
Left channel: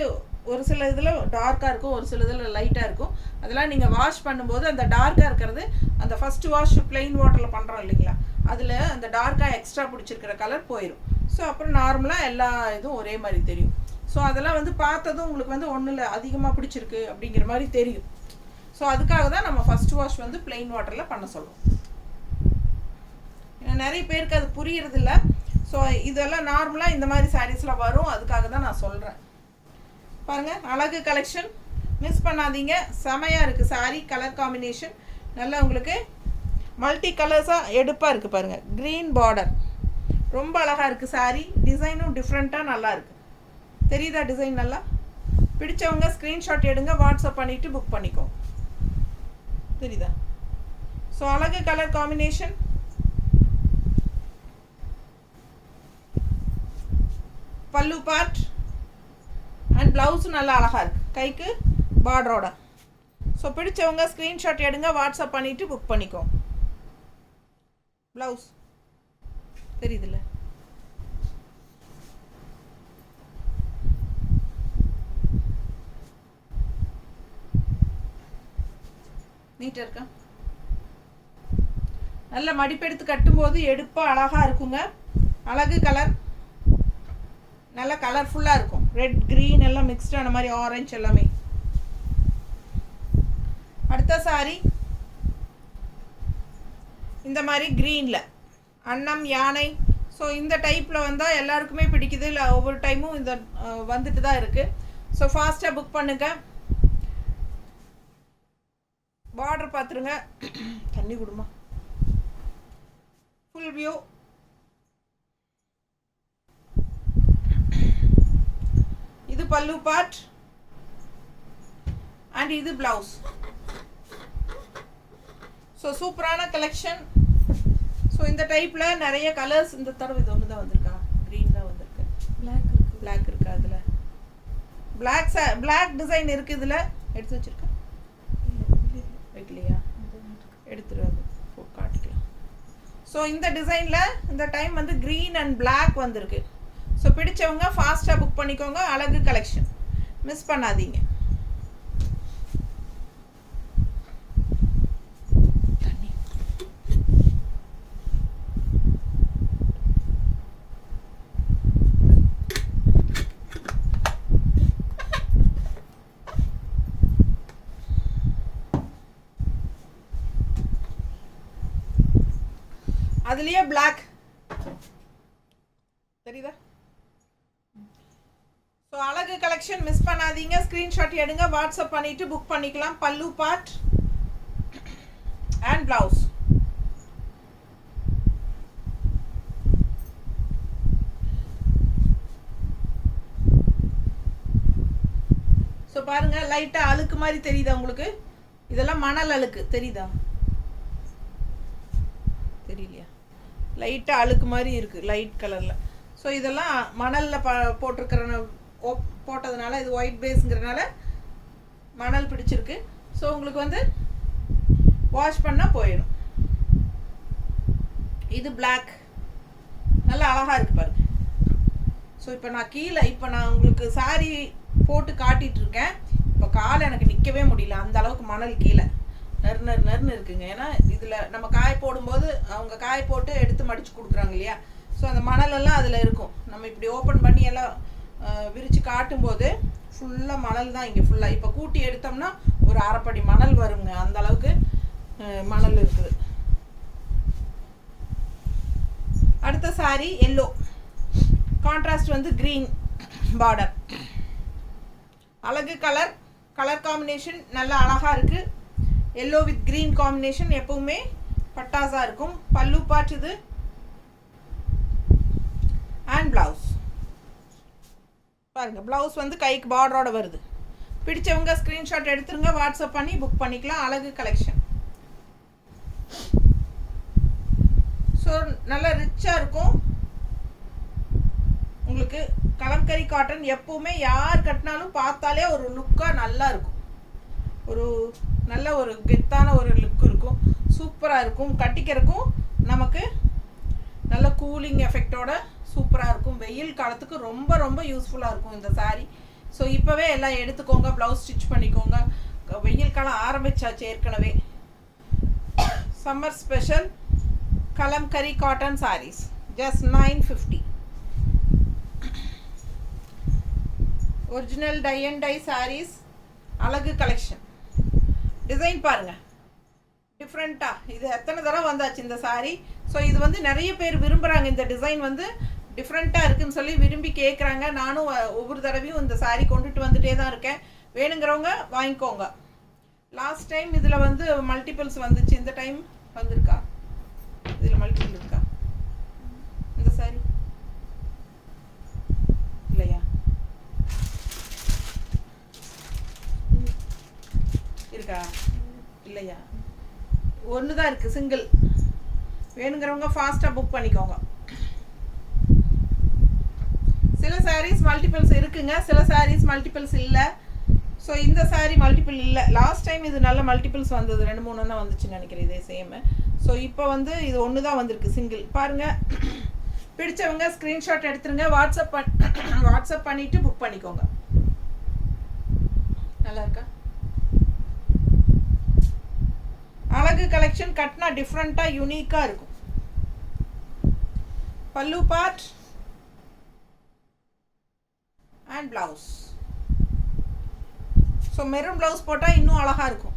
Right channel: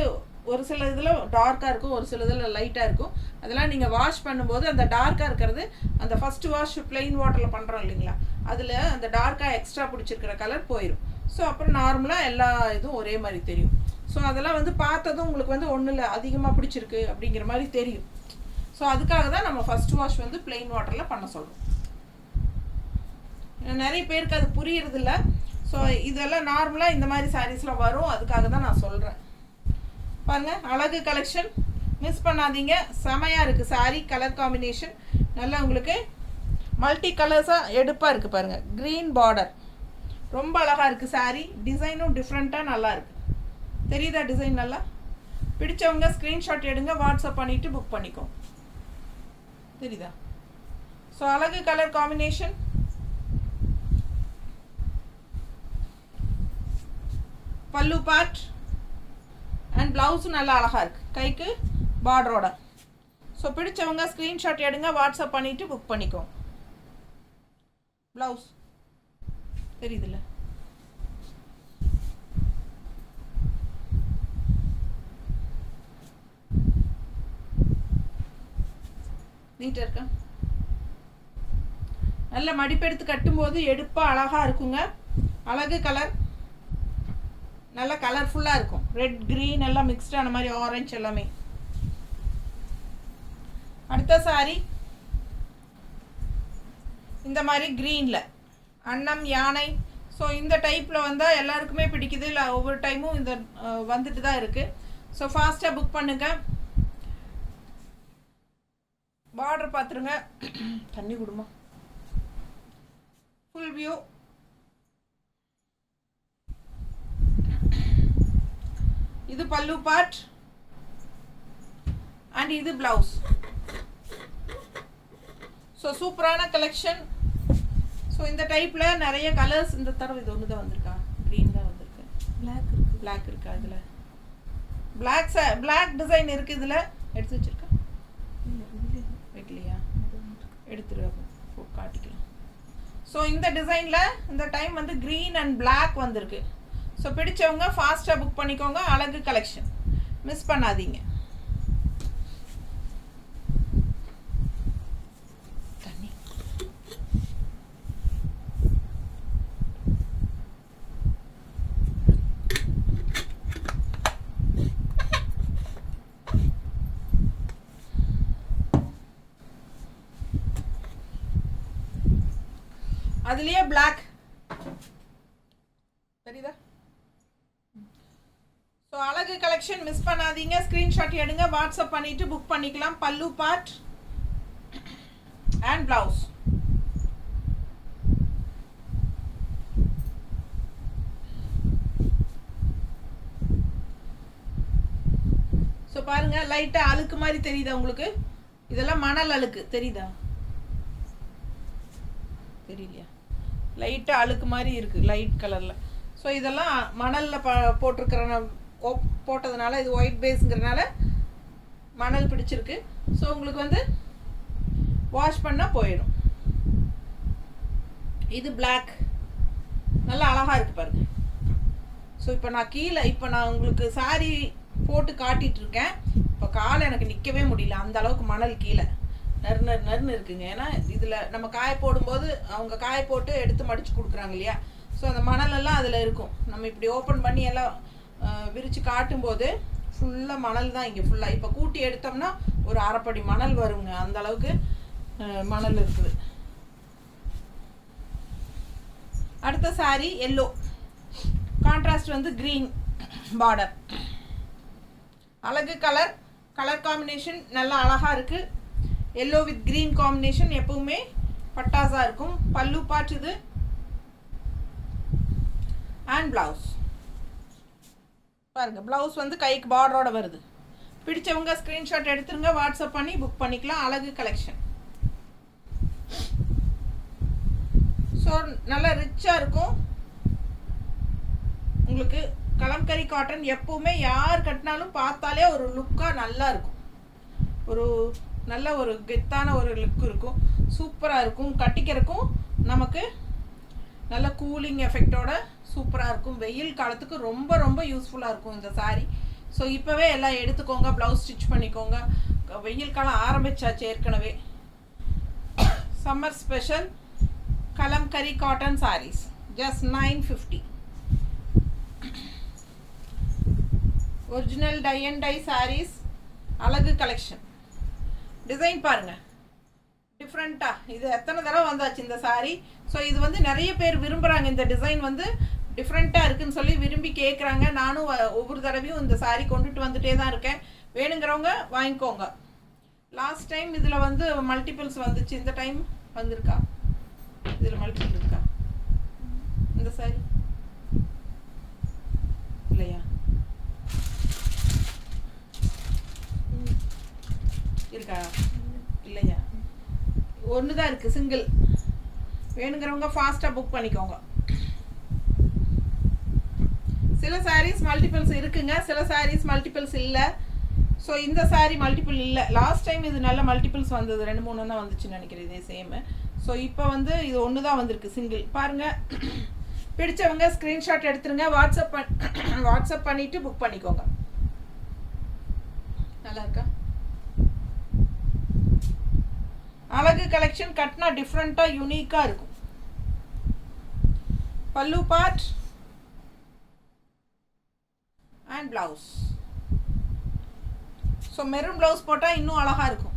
ஒரு சில இதில் டார்க்காக இருக்கும், ஒரு சில இதில் லைட்டாக இருக்கும். அதெல்லாம் நீங்கள் வாஷ் பண்ணும்போது அந்த டார்க்காக இருக்கிறது, அந்த ஃபஸ்ட்டு வாஷ் பிளெயின் வாட்டரில் பண்ணுறோம் இல்லைங்களா, அதில் அந்த டார்க்காக எக்ஸ்ட்ரா பிடிச்சிருக்கிற கலர் போயிடும். ஸோ அப்புறம் நார்மலாக எல்லா இதுவும் ஒரே மாதிரி தெரியும். ஸோ அதெல்லாம் வந்து பார்த்ததும் உங்களுக்கு வந்து ஒன்றும் அதிகமாக பிடிச்சிருக்கு அப்படிங்கிற மாதிரி தெரியும். ஸோ அதுக்காக தான் நம்ம ஃபஸ்ட் வாஷ் வந்து பிளெயின் வாட்டரில் பண்ண சொல்கிறோம். ஏன்னா நிறைய பேருக்கு அது புரியறதில்ல. ஸோ இதெல்லாம் நார்மலாக இந்த மாதிரி சாரீஸில் வரும், அதுக்காக தான் நான் சொல்கிறேன். பாருங்கள், அழகு கலெக்ஷன், மிஸ் பண்ணாதீங்க. செமையாக இருக்குது சாரீ, கலர் காம்பினேஷன் நல்லா உங்களுக்கு மல்டி கலர்ஸாக எடுப்பாக இருக்குது பாருங்கள். க்ரீன் பார்டர் ரொம்ப அழகாக இருக்குது சாரீ. டிசைனும் டிஃப்ரெண்ட்டாக நல்லா இருக்குது. தெரியுதா டிசைன்? நல்லா பிடிச்சவங்க ஸ்க்ரீன்ஷாட் எடுங்க, வாட்ஸ்அப் பண்ணிவிட்டு புக் பண்ணிக்கோங்க. தெரியுதா? ஸோ அழகு கலர் காம்பினேஷன், பல்லு பார்ட் அண்ட் ப்ளவுஸும் நல்லா அழகாக இருக்குது, கைக்கு பார்டரோட. ஸோ பிடிச்சவங்க ஸ்க்ரீன்ஷாட் எடுங்க, வாட்ஸ்அப் பண்ணிவிட்டு புக் பண்ணிக்கோங்க. ப்ளவுஸ் தெரியுதுல்ல? நீட்டாக இருக்கா? நல்ல மடிப்பெடுத்து கட்டும்போது எடுப்பாக அழகாக இருக்குங்க. அழகு கலர், நல்லா கலர்ஃபுல்லாக இருக்கும். ரெட் க்ரீன் எல்லாம் மிக்ஸ்டான மாதிரி, ஆரஞ்சு எல்லாமே. அடுத்த சாரி இந்த மாதிரி க்ரீனில் அன்னம் யானை. ஸோ இந்த டைப்பில் வந்தால் எல்லாருக்குமே பிடிக்குது. இல்லை ஒவ்வொரு டைமும் இந்த வந்துட்டு தான் இருக்குது. ஸோ ஃபாஸ்ட்டாக புக் பண்ணுங்க. பார்டர் பார்த்துருங்க, தண்ணி கொடுமா. ஃபுல் வியூ, இது பல்லு பார்ட் அண்ட் இது பிளவுஸ். ஸோ சூப்பரான கலெக்ஷன். ஸோ இந்த டைப்பில் நிறைய கலர்ஸ். இந்த தடவை இது ஒன்று தான் வந்திருக்கா, க்ரீன் தான் வந்திருக்கு. பிளாக் இருக்கா இதில்? பிளாக் டிசைன் இருக்குது இதில். எடுத்து வச்சுருக்கா? வைக்கலையா? எடுத்துருவாங்க, காட்டிக்கலாம். ஸோ இந்த டிசைனில் இந்த டைம் வந்து க்ரீன் அண்ட் பிளாக் வந்திருக்கு. ஸோ பிடிச்சவங்க ஃபாஸ்ட்டாக புக் பண்ணிக்கோங்க. அழகு கலெக்ஷன், மிஸ் பண்ணாதீங்க. அதுலயே பிளாக் தெரியுதா? ஸோ அழகு கலெக்ஷன் மிஸ் பண்ணாதீங்க. ஸ்க்ரீன்ஷாட் எடுங்க, வாட்ஸ்அப் பண்ணிட்டு புக் பண்ணிக்கலாம். பல்லு பார்ட் அண்ட் பிளவுஸ். ஸோ பாருங்க, லைட்டா அழுக்கு மாதிரி தெரியுதா உங்களுக்கு? இதெல்லாம் மணல் அழுக்கு தெரியுதா? தெரியலையா? லைட்டாக அழுக்கு மாதிரி இருக்குது, லைட் கலரில். ஸோ இதெல்லாம் மணலில் போட்டதுனால, இது ஒயிட் பேஸுங்கிறதுனால மணல் பிடிச்சிருக்கு. ஸோ உங்களுக்கு வந்து வாஷ் பண்ணால் போயிடும். இது பிளாக், நல்லா அழகாக இருக்குது பாருங்க. ஸோ இப்போ நான் உங்களுக்கு சாரி போட்டு காட்டிகிட்டு இருக்கேன். இப்போ காலை எனக்கு நிற்கவே முடியல, அந்த அளவுக்கு மணல் கீழே நறுன்னு இருக்குங்க. ஏன்னா இதில் நம்ம காய போடும்போது அவங்க காய போட்டு எடுத்து மடித்து கொடுக்குறாங்க இல்லையா? ஸோ அந்த மணலெல்லாம் அதில் இருக்கும். நம்ம இப்படி ஓப்பன் பண்ணி எல்லாம் விரித்து காட்டும்போது ஃபுல்லாக மணல் தான் இங்கே ஃபுல்லாக. இப்போ கூட்டி எடுத்தோம்னா ஒரு அரைப்படி மணல் வருங்க, அந்த அளவுக்கு மணல் இருக்குது. அடுத்த சாரி எல்லோ, கான்ட்ராஸ்ட் வந்து க்ரீன் பார்டர். அழகு கலர் காம்பினேஷன் நல்லா அழகாக இருக்குது. எல்லோ வித் க்ரீன் காம்பினேஷன் எப்பவுமே பட்டாசா இருக்கும். பல்லு பார்ட் இது அண்ட் பிளவுஸ் பாருங்க. பிளவுஸ் வந்து கைக்கு பார்டரோட வருது. பிடிச்சவங்க ஸ்க்ரீன்ஷாட் எடுத்துருங்க, வாட்ஸ்அப் பண்ணி புக் பண்ணிக்கலாம். அழகு கலெக்ஷன். ஸோ நல்லா ரிச்சாக இருக்கும் உங்களுக்கு. கலம்கரி காட்டன் எப்பவுமே யார் கட்டினாலும் பார்த்தாலே ஒரு லுக்காக நல்லா இருக்கும். ஒரு நல்ல ஒரு கெத்தான ஒரு லுக் இருக்கும், சூப்பராக இருக்கும். கட்டிக்கிறதுக்கும் நமக்கு நல்ல கூலிங் எஃபெக்டோட சூப்பராக இருக்கும். வெயில் காலத்துக்கு ரொம்ப ரொம்ப யூஸ்ஃபுல்லாக இருக்கும் இந்த சாரீ. ஸோ இப்போவே எல்லாம் எடுத்துக்கோங்க, ப்ளவுஸ் ஸ்டிச் பண்ணிக்கோங்க. வெயில் காலம் ஆரம்பிச்சாச்சு ஏற்கனவே. Summer special kalamkari cotton sarees just 950. Original tie and dye sarees, அழகு கலெக்ஷன். டிசைன் பாருங்க, டிஃப்ரெண்ட்டாக. இது எத்தனை தடவை வந்தாச்சு இந்த சாரீ. ஸோ இது வந்து நிறைய பேர் விரும்புகிறாங்க. இந்த டிசைன் வந்து டிஃப்ரெண்ட்டாக இருக்குதுன்னு சொல்லி விரும்பி கேட்குறாங்க. நானும் ஒவ்வொரு தடவையும் இந்த சாரீ கொண்டுட்டு வந்துட்டே தான் இருக்கேன். வேணுங்கிறவங்க வாங்கிக்கோங்க. லாஸ்ட் டைம் இதில் வந்து மல்டிபிள்ஸ் வந்துச்சு, இந்த டைம் வந்திருக்கா? இதில் மல்டிபிள் இருக்கா இந்த சாரீ? இல்லையா? இருக்கா? இல்லையா? ஒன்று தான் இருக்குது, சிங்கிள். வேணுங்கிறவங்க ஃபாஸ்ட்டாக புக் பண்ணிக்கோங்க. சில சாரீஸ் மல்டிபிள்ஸ் இருக்குங்க, சில சாரீஸ் மல்டிபிள்ஸ் இல்லை. ஸோ இந்த சாரீ மல்டிபிள் இல்லை. லாஸ்ட் டைம் இது நல்ல மல்டிபிள்ஸ் வந்தது, 2-3 தான் வந்துச்சுன்னு நினைக்கிறேன் இதே சேமு. ஸோ இப்போ வந்து இது ஒன்று தான் வந்திருக்கு, சிங்கிள். பாருங்கள், பிடிச்சவங்க ஸ்க்ரீன்ஷாட் எடுத்துருங்க, வாட்ஸ்அப் பண்ணிவிட்டு புக் பண்ணிக்கோங்க. நல்லா இருக்கா? அழகு கலெக்ஷன் கட்டினா டிஃப்ரெண்ட்டாக யூனிக்காக இருக்கும். பல்லு part and blouse. So maroon blouse போட்டால் இன்னும் அழகாக இருக்கும்.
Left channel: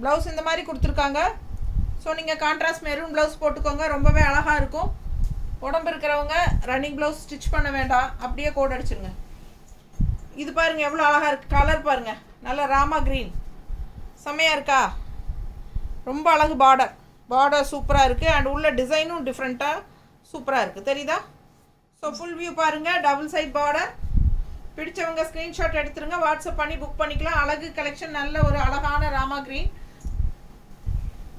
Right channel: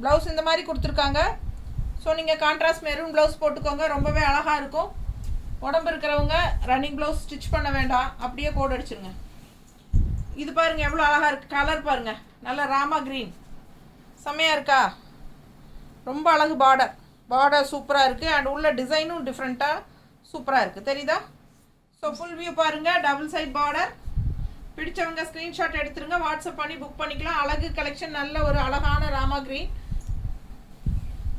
ப்ளவுஸ் இந்த மாதிரி கொடுத்துருக்காங்க. ஸோ நீங்கள் கான்ட்ராஸ்ட் மெரூன் ப்ளவுஸ் போட்டுக்கோங்க, ரொம்பவே அழகாக இருக்கும். உடம்பு இருக்கிறவங்க ரன்னிங் ப்ளவுஸ் ஸ்டிச் பண்ண வேண்டாம், அப்படியே கோட் அடிச்சுருங்க. இது பாருங்கள் எவ்வளோ அழகாக இருக்குது. கலர் பாருங்கள், நல்ல ராமா க்ரீன், செம்மையாக இருக்கா? ரொம்ப அழகு. பார்டர் சூப்பராக இருக்குது. அண்ட் உள்ள டிசைனும் டிஃப்ரெண்ட்டாக சூப்பராக இருக்குது, தெரியுதா? ஸோ ஃபுல் வியூ பாருங்கள், டபுள் சைட் பார்டர். பிடிச்சவங்க ஸ்க்ரீன்ஷாட் எடுத்துருங்க, வாட்ஸ்அப் பண்ணி புக் பண்ணிக்கலாம். அழகு கலெக்ஷன், நல்ல ஒரு அழகான ராமா க்ரீன்.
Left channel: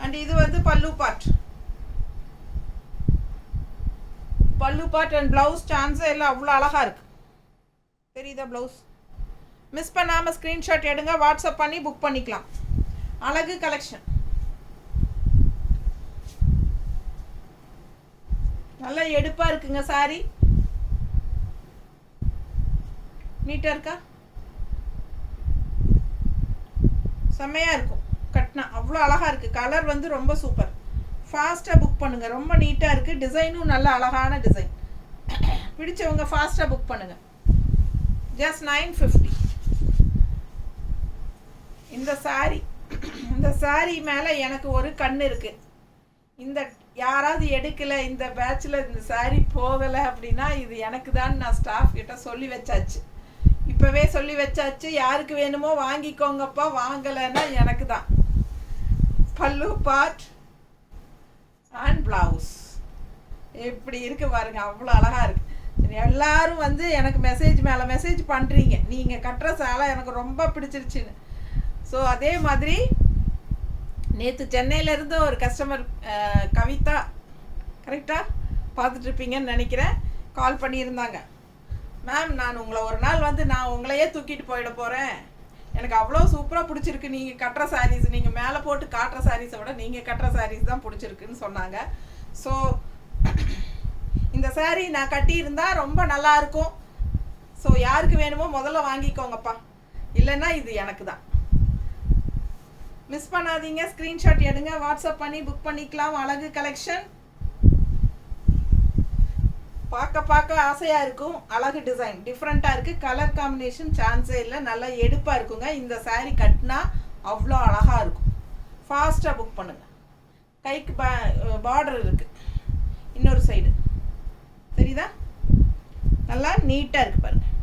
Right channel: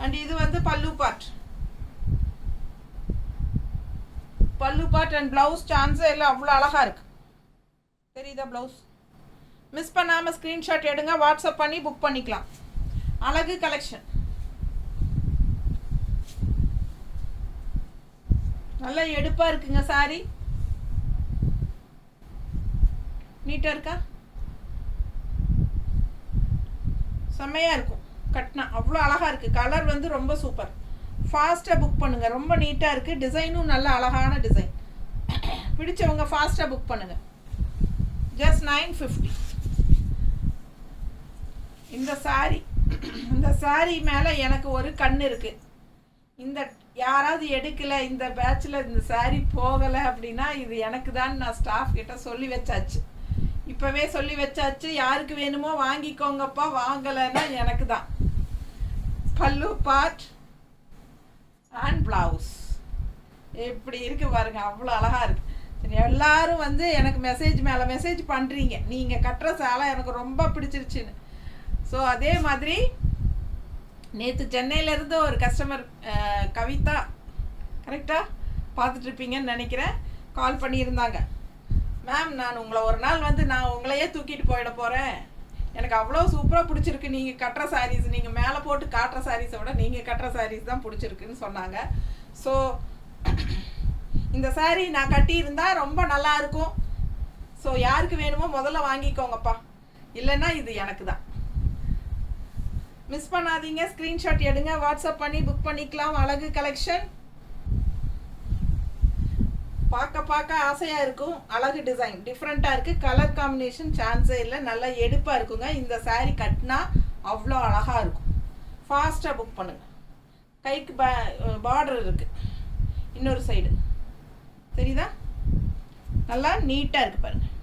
அண்ட் இது வந்து பல்லு பார்ட் அண்ட் ப்ளவுஸ். சான்ஸே எல்லாம் அவ்வளோ அழகாக இருக்குது, தெரியுதா? ப்ளவுஸ் மிஸ் பண்ணாமல் ஸ்க்ரீன்ஷாட் எடுங்க, வாட்ஸ்அப் பண்ணி புக் பண்ணிக்கலாம். அழகு கலெக்ஷன் நல்லா எடுப்பாக இருக்குங்க சாரி. நீட்டாக இருக்கா? செம்மையாக இருக்கும் கட்டினா, அவ்வளோ அழகாக இருக்குது. கலர் வந்து ரொம்ப சூப்பர். ஃபாஸ்ட்டாக புக் பண்ணுங்கள். ரொம்ப நீட்டாக இருக்குது. டிசைனும் நல்ல அழகான டிசைன். பிடிச்சவங்க ஃபாஸ்ட்டாக புக் பண்ணுங்கள். ஜஸ்ட் 950. இந்த சாரீ மேலே எனக்கு ஒரு கண் இருக்குது. இந்த யாராவது எடுக்கலை, இந்த பேட்சில் இந்த சாரீ போகலை அப்படின்னா இது எனக்கு தான். நான் ஸ்டாஃப் கிட்ட சொல்லி வச்சாச்சு, இப்போவே சொல்லி வச்சாச்சு. யாருக்கு வேணுமோ வாங்கிக்கோங்கப்பா, வாங்கலைன்னா எனக்கு தான். பல்லு பார்ட் அண்ட் ப்ளவுஸ் எப்படி இருக்குது பாருங்க, அவ்வளோ அழகாக இருக்குது. சரி, எல்லாரும் வந்து எனக்கு மெசேஜ் மேலே மெசேஜ் பண்ணுறீங்க, நீங்கள் கட்டுற சேலை எனக்கு ரொம்ப பிடிச்சிருச்சுன்னு. ஸோ அதே மாதிரி நேற்று சென்னையிலேருந்து ஒரு கஸ்டமர் கவிதா, கரெக்டாக பார்த்துட்ருப்பீங்கன்னு நினைக்கிறேன், கால் பண்ணியிருந்தாங்க. மேம், நான் உங்களை ஒரு நாள் வந்து நான் உங்களையே தூக்கிட்டு போயிட போகிறேன், எனக்கு அவ்வளோ சூப்பராக பிடிச்சிருக்கு நீங்கள் கட்டுற சாரீஸ், நீங்கள் மேலே போட்டு காட்டுற சாரீஸை விட நீங்கள் கட்டுற சாரீஸ் தான் பிடிச்சிருக்குன்னு சொன்னாங்க. ஸோ இந்த சாரீ நான் கட்டியிருந்தா ரொம்ப நல்லாயிருக்கும். ஸோ யாருக்கு வேணுமோ முதல்ல வாங்கிக்கோங்கப்பா, இல்லைன்னா இது எனக்கு தான். மிஸ் பண்ணாதீங்க, ஸ்க்ரீன்ஷாட் எடுங்க, வாட்ஸ்அப் பண்ணி புக் பண்ணிக்கலாம். அழகு கலெக்ஷன் பார்க்க ஆசையாக இருக்கும். அழகு டிசைன் டிஃப்ரெண்ட்டாக இருக்குது. கலர் காம்பினேஷன் சான்ஸே இல்லை, நல்லா எடுப்பாக இருக்குங்க. இந்த சாரீ கட்டினா அவ்வளோ அழகாக இருக்கும். ஃபாஸ்ட்டாக புக் பண்ணுங்கள். கைக்கு பார்டர் இருக்குது, இன்னொரு சைடு தெரியுதா, நல்லா நீட்டாக இருக்குது பாருங்கள்.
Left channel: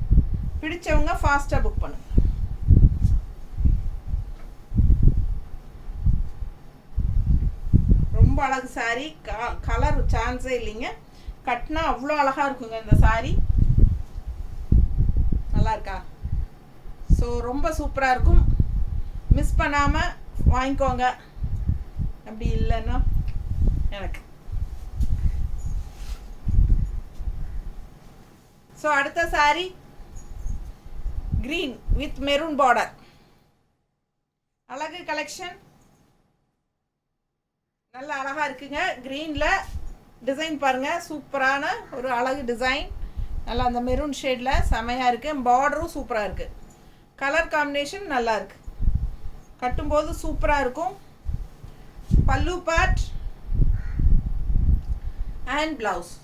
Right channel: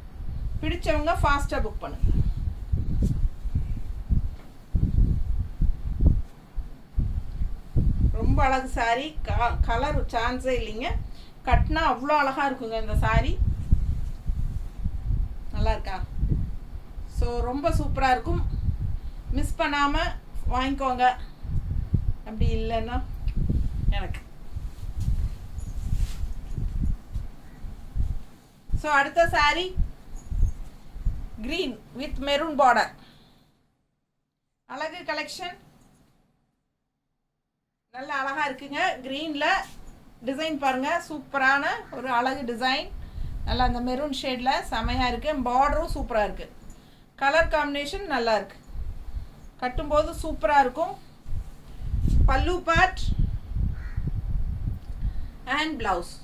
பிடிச்சவங்க ஃபாஸ்ட்டாக புக் பண்ணுங்கள். ரொம்ப அழகு சாரீ, கலர் சான்ஸே இல்லைங்க. கட்டினா அவ்வளோ அழகாக இருக்குங்க இந்த சாரீ. நல்லா இருக்கா? ஸோ ரொம்ப சூப்பராக இருக்கும். மிஸ் பண்ணாமல் வாங்கிக்கோங்க. அப்படி இல்லைன்னா எனக்கு. ஸோ அடுத்த sari green with maroon border. அழகு கலெக்ஷன் நல்ல அழகாக இருக்குங்க. க்ரீனில் டிசைன் பாருங்கள், சூப்பரான ஒரு அழகு டிசைன். நல்லா அந்த மெரூன் ஷேடில் செமையாக இருக்குது. பார்டரும் சூப்பராக இருக்குது. கலர் காம்பினேஷன் நல்லா இருக்குது. கட்டும்போது சூப்பராக இருக்கும். பல்லு பார்ட் அண்ட் ப்ளவுஸ்.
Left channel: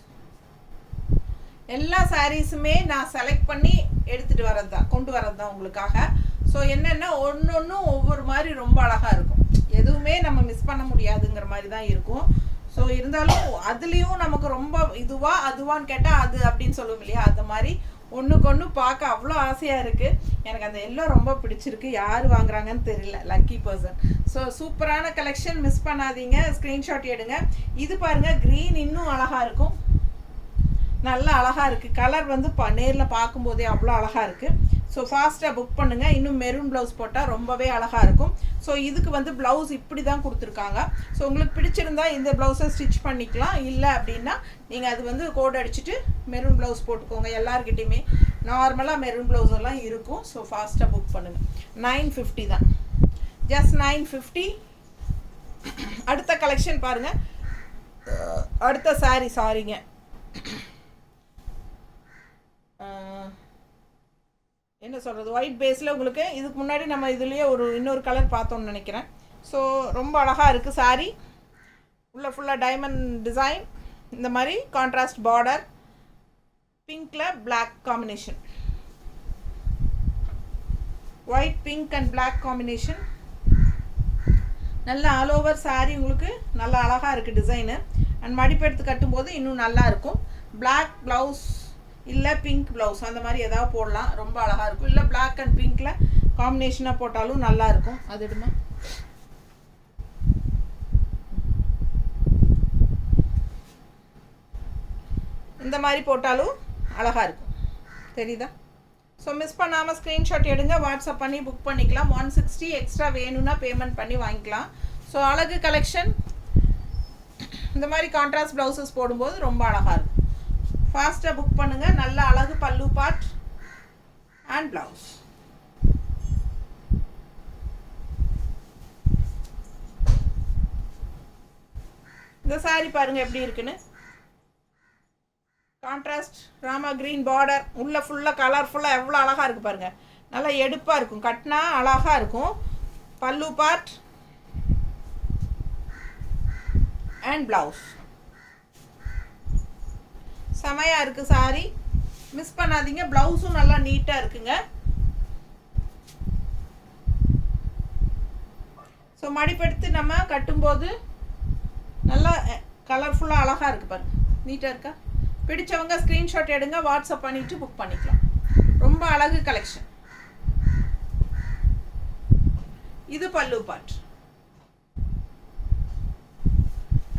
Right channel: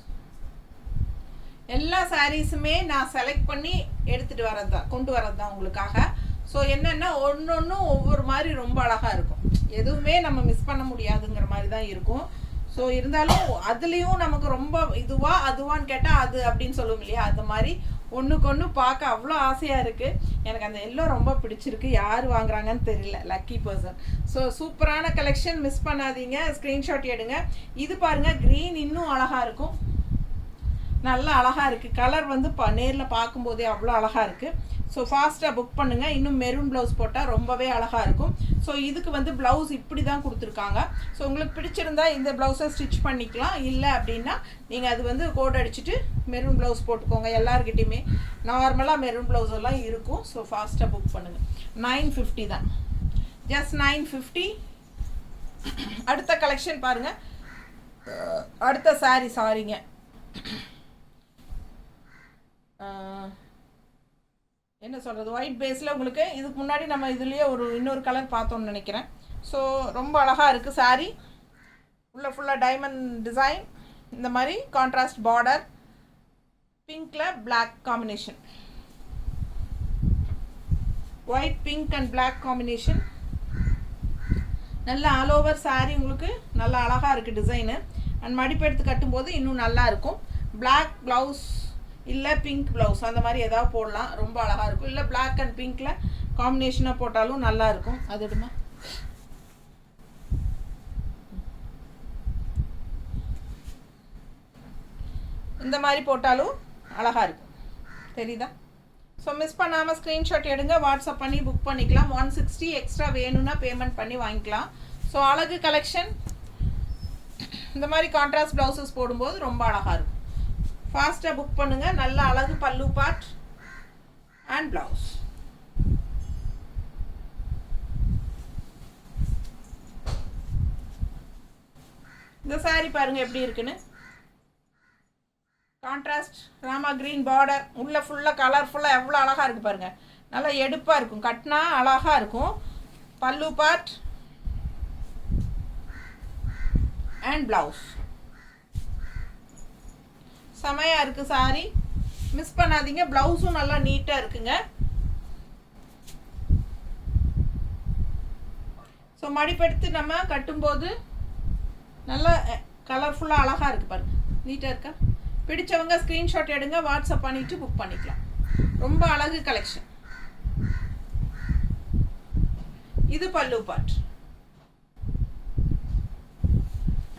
எல்லா சாரீஸுமே நான் செலக்ட் பண்ணி எடுத்துகிட்டு வரது தான், கொண்டு வரது தான் உங்களுக்காக. ஸோ என்னென்னா ஒவ்வொன்றும் ஒவ்வொரு மாதிரி ரொம்ப அழகாக இருக்கும். எதுவுமே நம்ம மிஸ் பண்ண முடியாதுங்கிற மாதிரி தான் இருக்கும். ஸோ இருந்தாலும் அதுலேயும் நமக்கு ரொம்ப அதுவான்னு கேட்டால் அது அப்படின்னு சொல்லுவோம் இல்லையா, அந்த மாதிரி ஒன்றுக்கு ஒன்று பார்க்க அவ்வளோ ஆசையாக இருக்குது. எனக்கு அந்த எல்லாம் ரொம்ப பிடிச்சிருக்கு. யார் வாங்குறாங்கன்னு தெரியல, லக்கி பர்சன். ஸோ சூப்பரான கலெக்ஷன், மிஸ் பண்ணாதீங்க, ஸ்க்ரீன்ஷாட் எடுங்க. இது பாருங்கள், க்ரீன் இன்னும் அழகாக இருக்கும், நல்லா அழகாக இருக்குது. கலர் வந்து நேரில் பார்க்கும்போதே அவ்வளோ அழகாக இருக்குது. ஸோ ஃபாஸ்ட்டாக புக் பண்ணுங்கள். இன்னும் மெரூன் ப்ளவுஸ் போட்டால் ரொம்பவே அழகாக இருக்கும். ஸோ இதுக்கு வந்து ப்ளவுஸ் இப்படி தான் கொடுத்துருக்காங்க. ஸோ உங்களுக்கு பிடிச்சிருந்தா இந்த ப்ளவுஸை ஸ்டிச் பண்ணிக்கலாம். இல்லை அப்படின்னா நீங்கள் அது வந்து கோட் அடிச்சுட்டு மெரூன் ப்ளவுஸ் போட்டுக்கோங்க. எல்லாருக்கிட்டையுமே நார்மலாக மெரூன் ப்ளவுஸ் எல்லாம் இருக்கும். ஸோ ஃபாஸ்ட்டாக புக் பண்ணுங்கள். 950 தான், ஜஸ்ட் 950. அடுத்த கலெக்ஷன் பாருங்கள். அடுத்த சாரிங்க, என்ன சொல்கிறது, ஒயிட் பேஸில் உங்களுக்கு இதுக்கு முன்னாடி நம்ம இதுலேயே இன்னொரு கலர் பார்த்தோம்னு நினைக்கிறேன். ஸோ ரொம்ப அழகாக இருக்குது சாரீ. உள்ள ஃபுல்லாக டைமண்ட் டிசைன், இந்த மாதிரி கான்ட்ராஸ்ட் பார்டர், பிங்க்கில் black combination, white pink and black combination. நல்ல ஆல் ஓவர் சாரீ உங்களுக்கு நல்லா அழகாக இருக்குது டிசைனு. அண்ட் மடிப்பெடுத்து கட்டும்போது இன்னும் நல்லா இருக்கும். பிளாக் ப்ளவுஸ் இல்லை பிங்க் ப்ளவுஸ் அந்த மாதிரி எதாவது போடலாம், ரொம்ப அழகாக இருக்கும். இல்லை பிளாக் அண்ட் பிங்க்கில் காம்பினேஷனாக போட்டாலும் நல்லா இருக்கும். அது எடுமா, இந்த மாதிரி போட்டாலும் அழகாக இருக்கும், தெரியுதா? ஸோ மிஸ் பண்ணாமல் ஸ்க்ரீன்ஷாட் எடுங்க, வாட்ஸ்அப் பண்ணி புக் பண்ணிக்கலாம். 160 எக்ஸ்ட்ரா வேணும்னா பேமெண்ட் பண்ணி வாங்கிக்கலாம். ஸோ அழகு கலெக்ஷன் இந்த மாதிரி கான்ட்ராஸ்ட் ப்ளவுசஸ் போடும்போது ரொம்ப அழகாக இருக்கும். ஃபாஸ்ட்டாக புக் பண்ணுங்கள். நல்ல அழகு பல்லு பார்ட் அண்ட் ப்ளவுஸ். இந்த சாரீ பாருங்கள் எப்படி இருக்குன்னு. கான்ட்ராஸ்ட் ராமா க்ரீன் பார்டர், உள்ளே ஃபுல்லாக கலர்ஃபுல்லாக எவ்வளோ அழகாக இருக்குது பாருங்கள். நல்லா எடுப்பாக இருக்கும், கட்டினா அழகாக இருக்கும். பல்லு பார்ட் அண்ட் ப்ளவுஸ் செமையாக இருக்குது சாரி, மிஸ் பண்ணாதீங்க. ப்ளவுஸும் நல்லா நீட்டாக இருக்குங்க. ஸோ மடிப்பெடுத்து நம்ம கட்டும்போது நல்லா கலர்ஃபுல்லாக அழகாக இருக்குது பாருங்கள், நீட்டாக இருக்கா? பிடிச்சவங்க ஸ்க்ரீன்ஷாட் எடுங்க, வாட்ஸ்அப் பண்ணிவிட்டு புக் பண்ணிக்கலாம். ரொம்ப அழகு கலெக்ஷன். இது பல்லு பார்ட்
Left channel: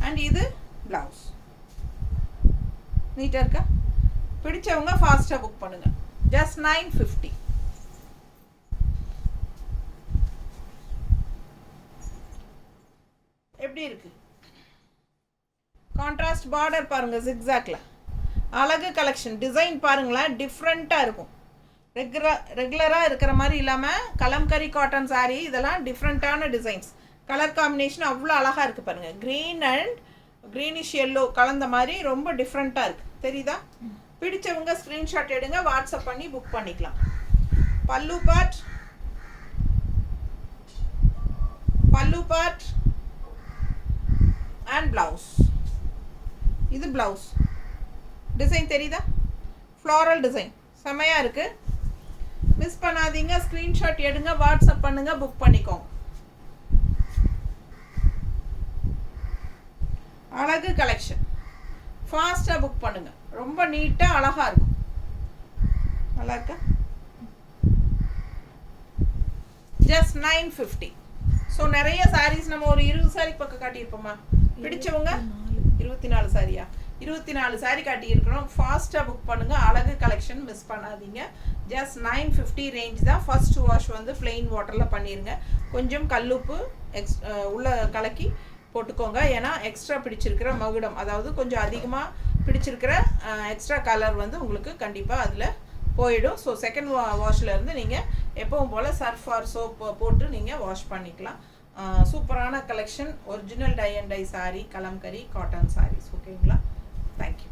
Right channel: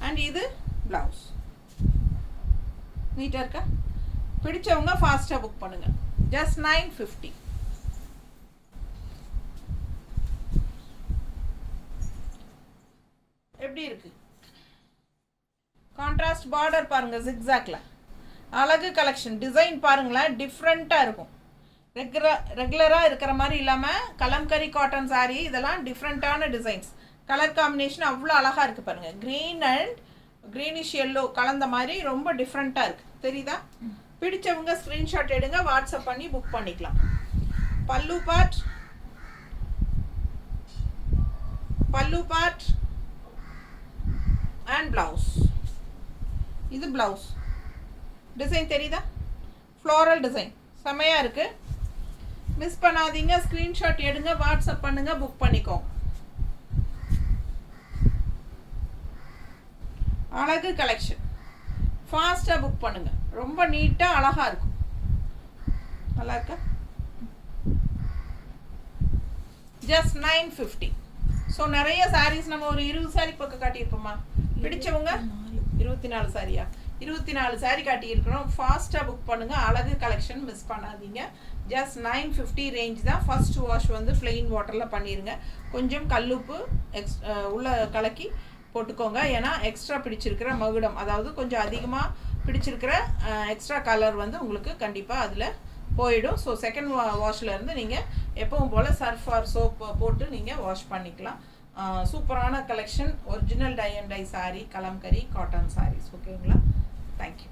அண்ட் இது ப்ளவுஸ். நீட்டாக இருக்கா? பிடிச்சவங்க ஃபாஸ்ட்டாக புக் பண்ணுங்கள். ஜஸ்ட் 950. எப்படி இருக்கு? கான்ட்ராஸ்ட் பார்டர் பாருங்கள், ஜிக்ஸாக்ல அழகு கலெக்ஷன். டிசைன் பாருங்களேன், டிஃப்ரெண்ட்டாக இருக்கும். ரெகுலராக இருக்கிற மாதிரி இல்லாமல் கலம்கரி காட்டன் சாரீ, இதெல்லாம் டிஃப்ரெண்ட்டான டிசைன்ஸ். கலர் காம்பினேஷன் அவ்வளோ அழகாக இருக்குது பாருங்கள். க்ரீன் அண்ட் க்ரீனிஷ் எல்லோ கலந்த மாதிரி ரொம்ப டிஃப்ரெண்ட்டாக இருக்குது, தெரியுதா? பிடிச்சவங்க ஸ்க்ரீன்ஷாட் எடுங்க, வாட்ஸ்அப் பண்ணி புக் பண்ணிக்கலாம். பல்லு பார்ட் அண்ட் ப்ளவுஸ். இது ப்ளவுஸ் டிசைன் தெரியுதா? ஃப்ளாரல் டிசைன் செமையாக இருக்குது. மிஸ் பண்ணாதீங்க, ஸ்க்ரீன்ஷாட் எடுங்க, வாட்ஸ்அப் பண்ணுங்க, புக் பண்ணிக்கோங்க. அழகு கலெக்ஷன், ஃபாஸ்ட்டாக புக் பண்ணுங்க. ரொம்ப நீட்டாக அழகாக இருக்கும். நல்லா இருக்கா? ஜஸ்ட் 950. ஸோ நிறைய சாரீஸ் நம்ம ஒரு 20 சாரி பக்கம் காட்டியிருப்போமா? பிடிச்சவங்க 24 சாரியா? 24 சாரி காட்டியிருக்கிறோம். ஃபாஸ்ட்டாக புக் பண்ணுங்கள். அழகு கலெக்ஷன் மிஸ் பண்ணாதீங்க. ஜஸ்ட் 950 ரேஞ்ச் தான். ஃபர்ஸ்ட் வாஷ் வந்து பிளெயின் வாட்டரில் பண்ணிடுங்க. கொஞ்சம் கல்லுப்பு உள்ள கலக்கி போட்டுக்கோங்க. ஏன்னா எக்ஸ்ட்ரா பிடிச்சிருக்கிற மகுடம், அதாவது கொஞ்சம் அதிகமாக பிடிச்சிருக்கிற எக்ஸ்ட்ரா கலர் வந்து உங்களுக்கு கண்டிப்பாக அதில் போயிடும். ஸோ செகண்ட் வாஷ்லேருந்து நீங்கள் எப்பவும் போல் சர்ஃப் ஆர் சோப் போட்டு நீங்கள் வாஷ் பண்ணிக்கலாம். சூப்பரான collection. Original tie and dye saree, kalamkari cotton sarees. ஓகேங்களா? தேங்க்யூ.